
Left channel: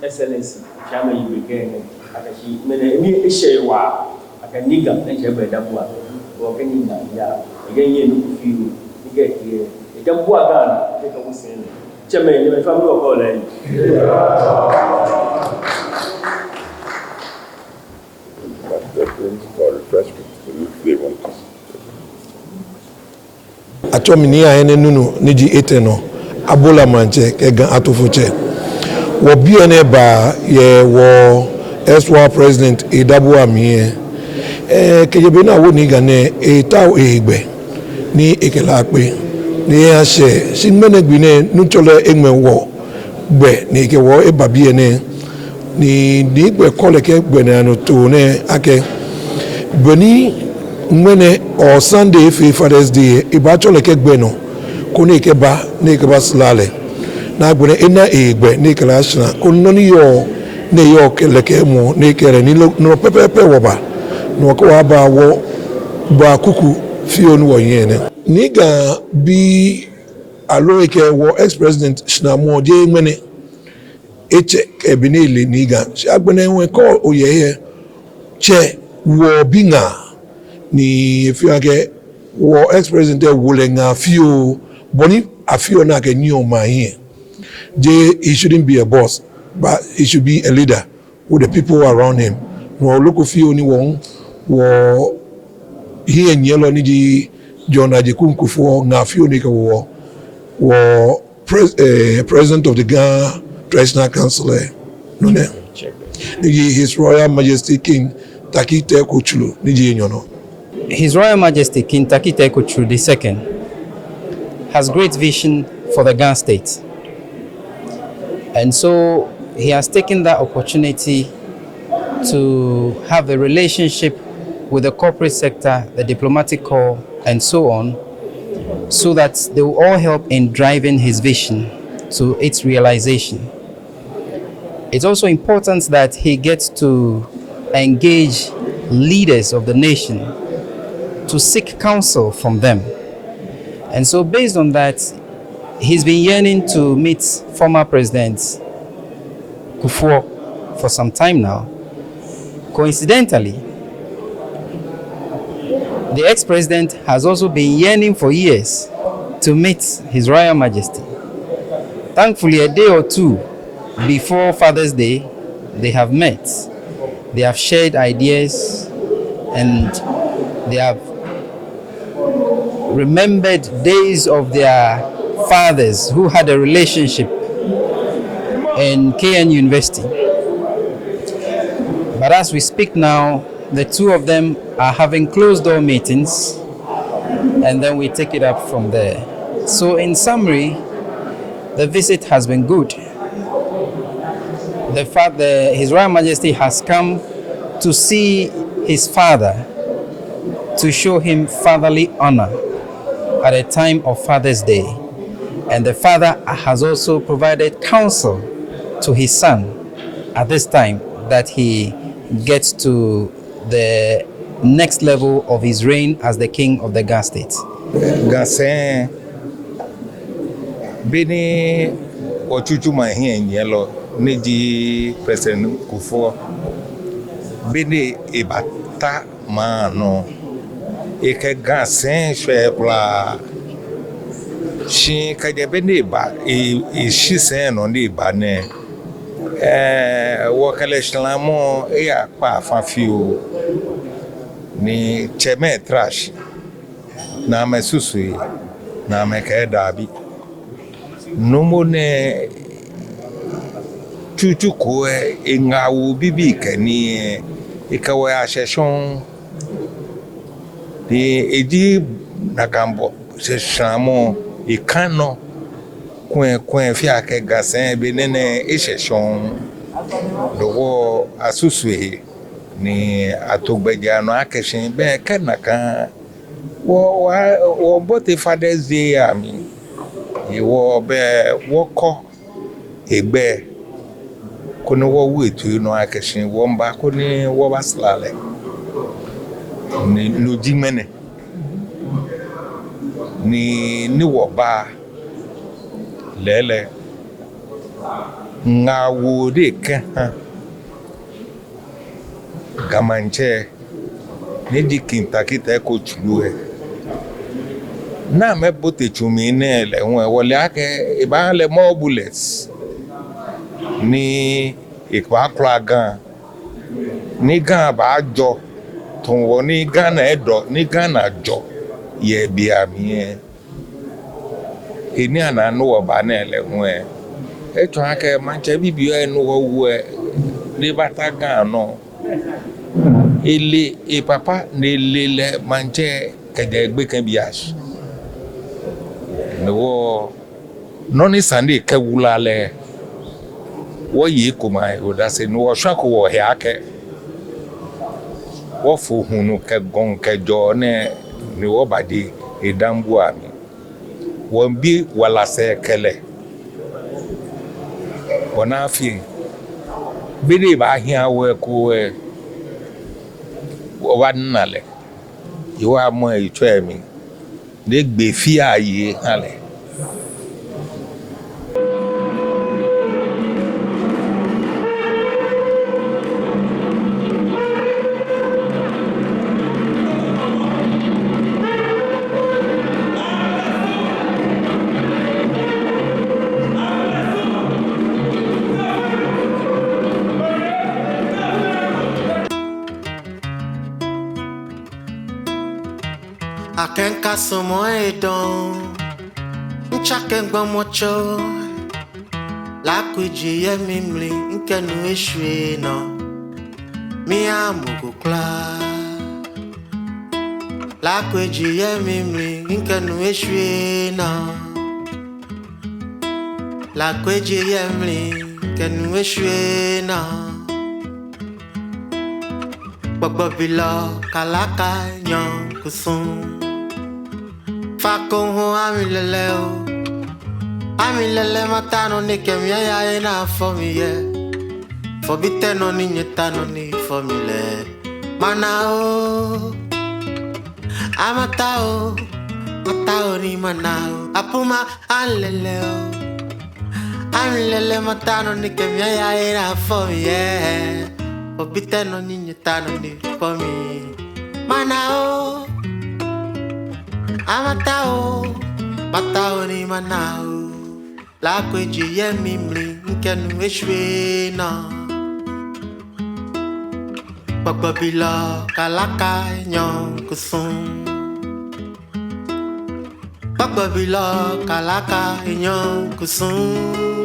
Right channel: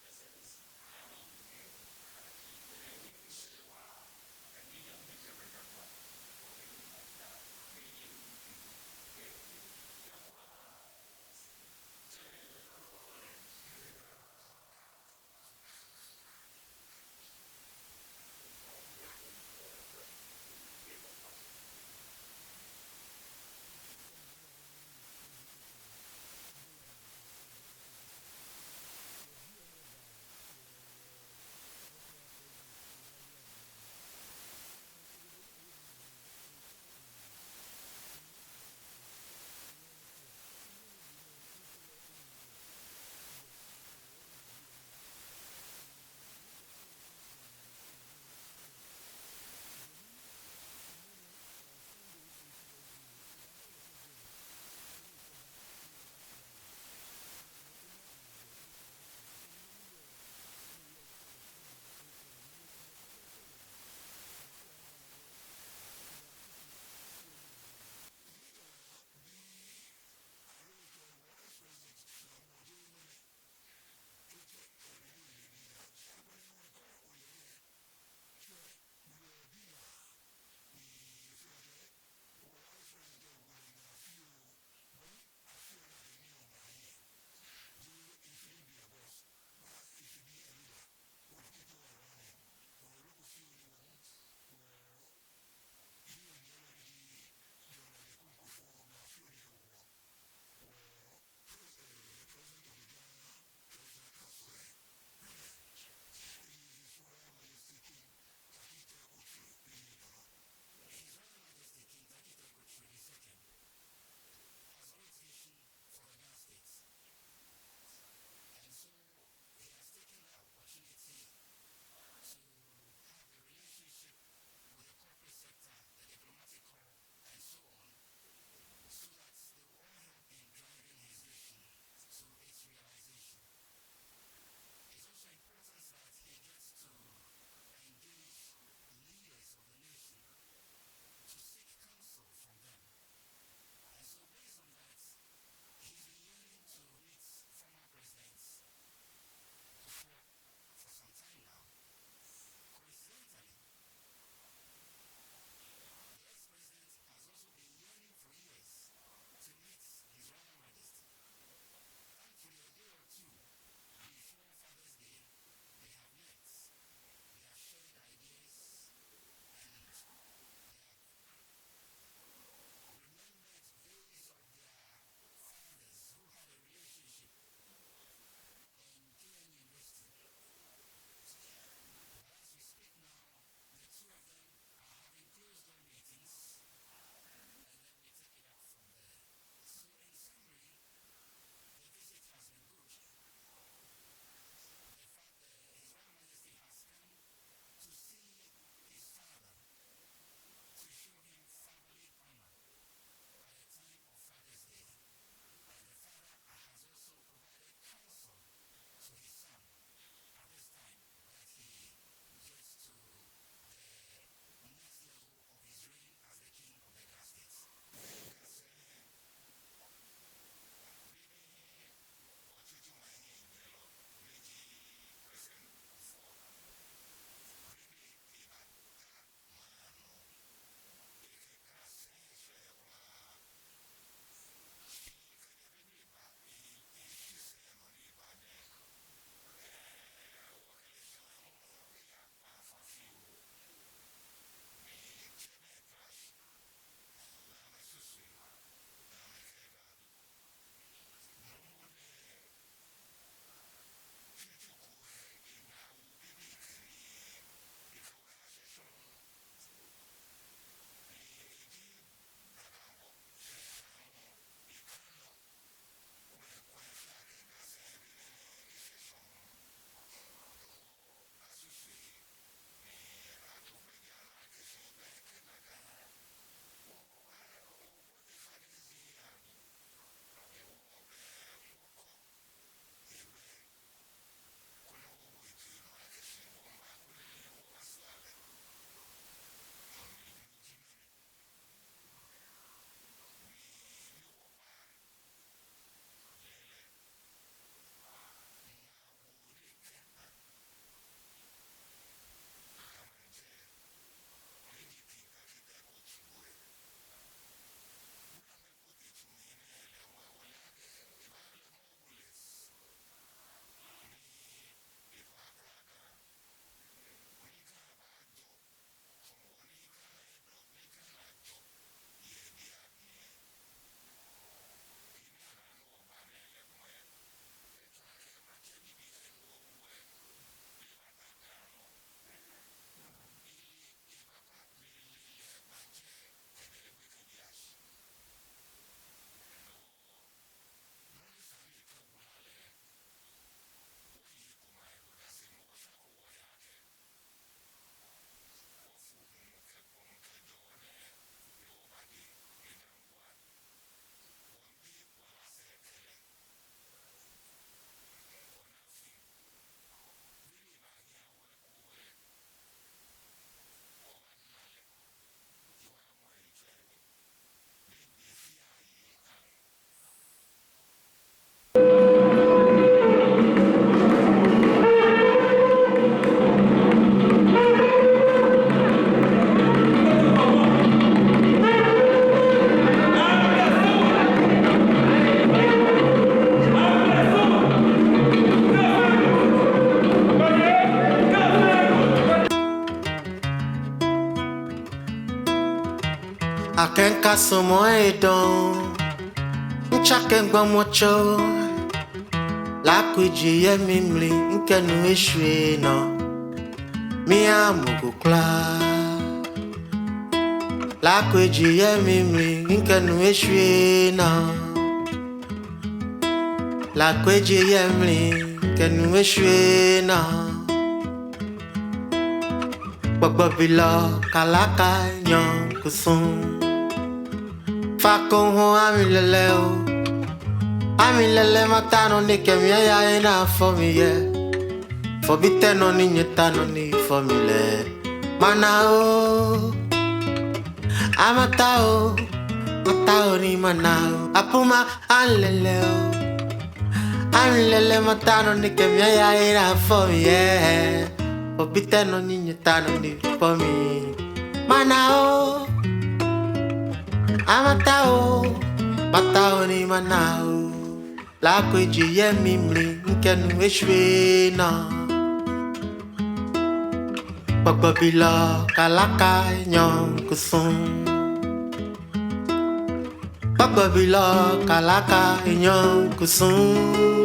Excellency chama yibegene akashi mene ni eshewa akaniga nje beda bua wo kaniga ya yenye ni kufiu ngetie ejambua gana teka musene chama ni family of all and They're going for refreshment if they want to. Atominia ene nunu niji eteno abola manje ke gan atofuche wo biene ba ye wo ex-war president Edabu Amie kejebe na wo ni gane eta egbe ni ekelape ni ase sinmene gbine nuchole egme wo gbe ni ke wo ebabiene ni gbe kole ke gbe na no to ne ake boni mwene o Sunday fi Father's Day ibachole ke gbe no ko ni ke ba slale na agbene ena egbe ne kala ashna kono ni yo ne yo keleke mo ne kere ni no pepepe woba no ko aba wo ba kuku fio no yene ni ga bi aloike wo ex-president Shinamo je ngene eche ebinele ni ga agbene nwe ko oyeye che wo binga ni fiake wo ex-president wulenga fio boni afio na ke new man here. He shouldn't be a boss, but he should be a leader with the people around him. No look of you anyone wo here in yellow niji John Ajekun Kuffour na fio nika wo president of the Ghana Traditional Council no ne His Royal Majesty King Tackie Teiko Tsuru niji nyono. His Royal Majesty King Tackie Teiko Tsuru II has great vision for the Ghana state. And so he has taken that opportunity to have a relationship with the corporate sector, the diplomatic corps, and so on, so that they will all help in driving his vision to its realization. It's also important that he gets to engage leaders of the nation to seek counsel from them. And so based on that, he's been yearning to meet former President Kuffour for some time now. Coincidentally, the ex-president has also been yearning for years to meet His Royal Majesty. Thankfully, a day or two before Father's Day, they have met. They have shared ideas and they have remembered days of their fathers who had a relationship in KN University. But as we speak now, the two of them are having closed door meetings, and then we take it up from there. So in summary, the visit has been good. His Royal Majesty has come to see his father, to show him fatherly honor at a time of Father's Day. And the father has also provided counsel to his son at this time that he gets to the next level of his reign as the king of the Ghana state. Gasen bini ochuchu mahien yellow niji President Kuffour bini ibata mano eke gasen shwebla shi kaje bini ba ishi sen on di ba ne wakale shlamo ya pa fanfiu ni cheme trash na mesusu na meke dabi nomo ne chuchu ko ngawu bibi kani ikawe asheshon di eji nakambo se shamo ikano kwen fi ake gasen benene isheshon dowo asusu ni atogbeja no akeshin be kenaka wo both Father's Day ami iwo be woko egbe koni wo wetu no akeshin wo mba koni wo baslale ni lojimene ni wo ba lele ngawo de ke gamanche ni di Tackie Teiko Tsuru na me bote chumi ne le won wole ake iba le more bullets ni ipa klagan ni gan ba jo ton wo ni Ghana edo ni Ghana jo ye bi ami eni ana no oba na le won eto ake manche bibio enu wo wo ni bata gan no ele e papa ne le manche kede gbe kan bias no noni Sunday ke wulale wo yi ko mai o da se no wo swako wo he ake wo fu hunu ke gon ke jo ne ni wo badi edambu ami wo bi wala se kele wana fi bidi ba hia we ko wa nale iwa mo itwe mi de gbe fi aye hale Akenka somo edon Nchakengba mocho La kuji ye mimli Nkenu eshwe no Mia mugukla La kuji ye mimli Nkenu eshwe no La kuji ye mimli Nkenu eshwe no Bababila kalaka nyon kusum Fakon ho amilele matano ni kemia ya ina for me ye Forbite no ni nyetano ni for me le Mana o Amatao Matao ni manao Apuma alele o Amilele matano ni kemia ya ina for me ye Forbite no ni nyetano ni for me Mana o Amatao, matao ni manao La kweji ye mimli nkenu eshwe na Bababila kalaka nyon kusum Bababila kalaka nyon kusum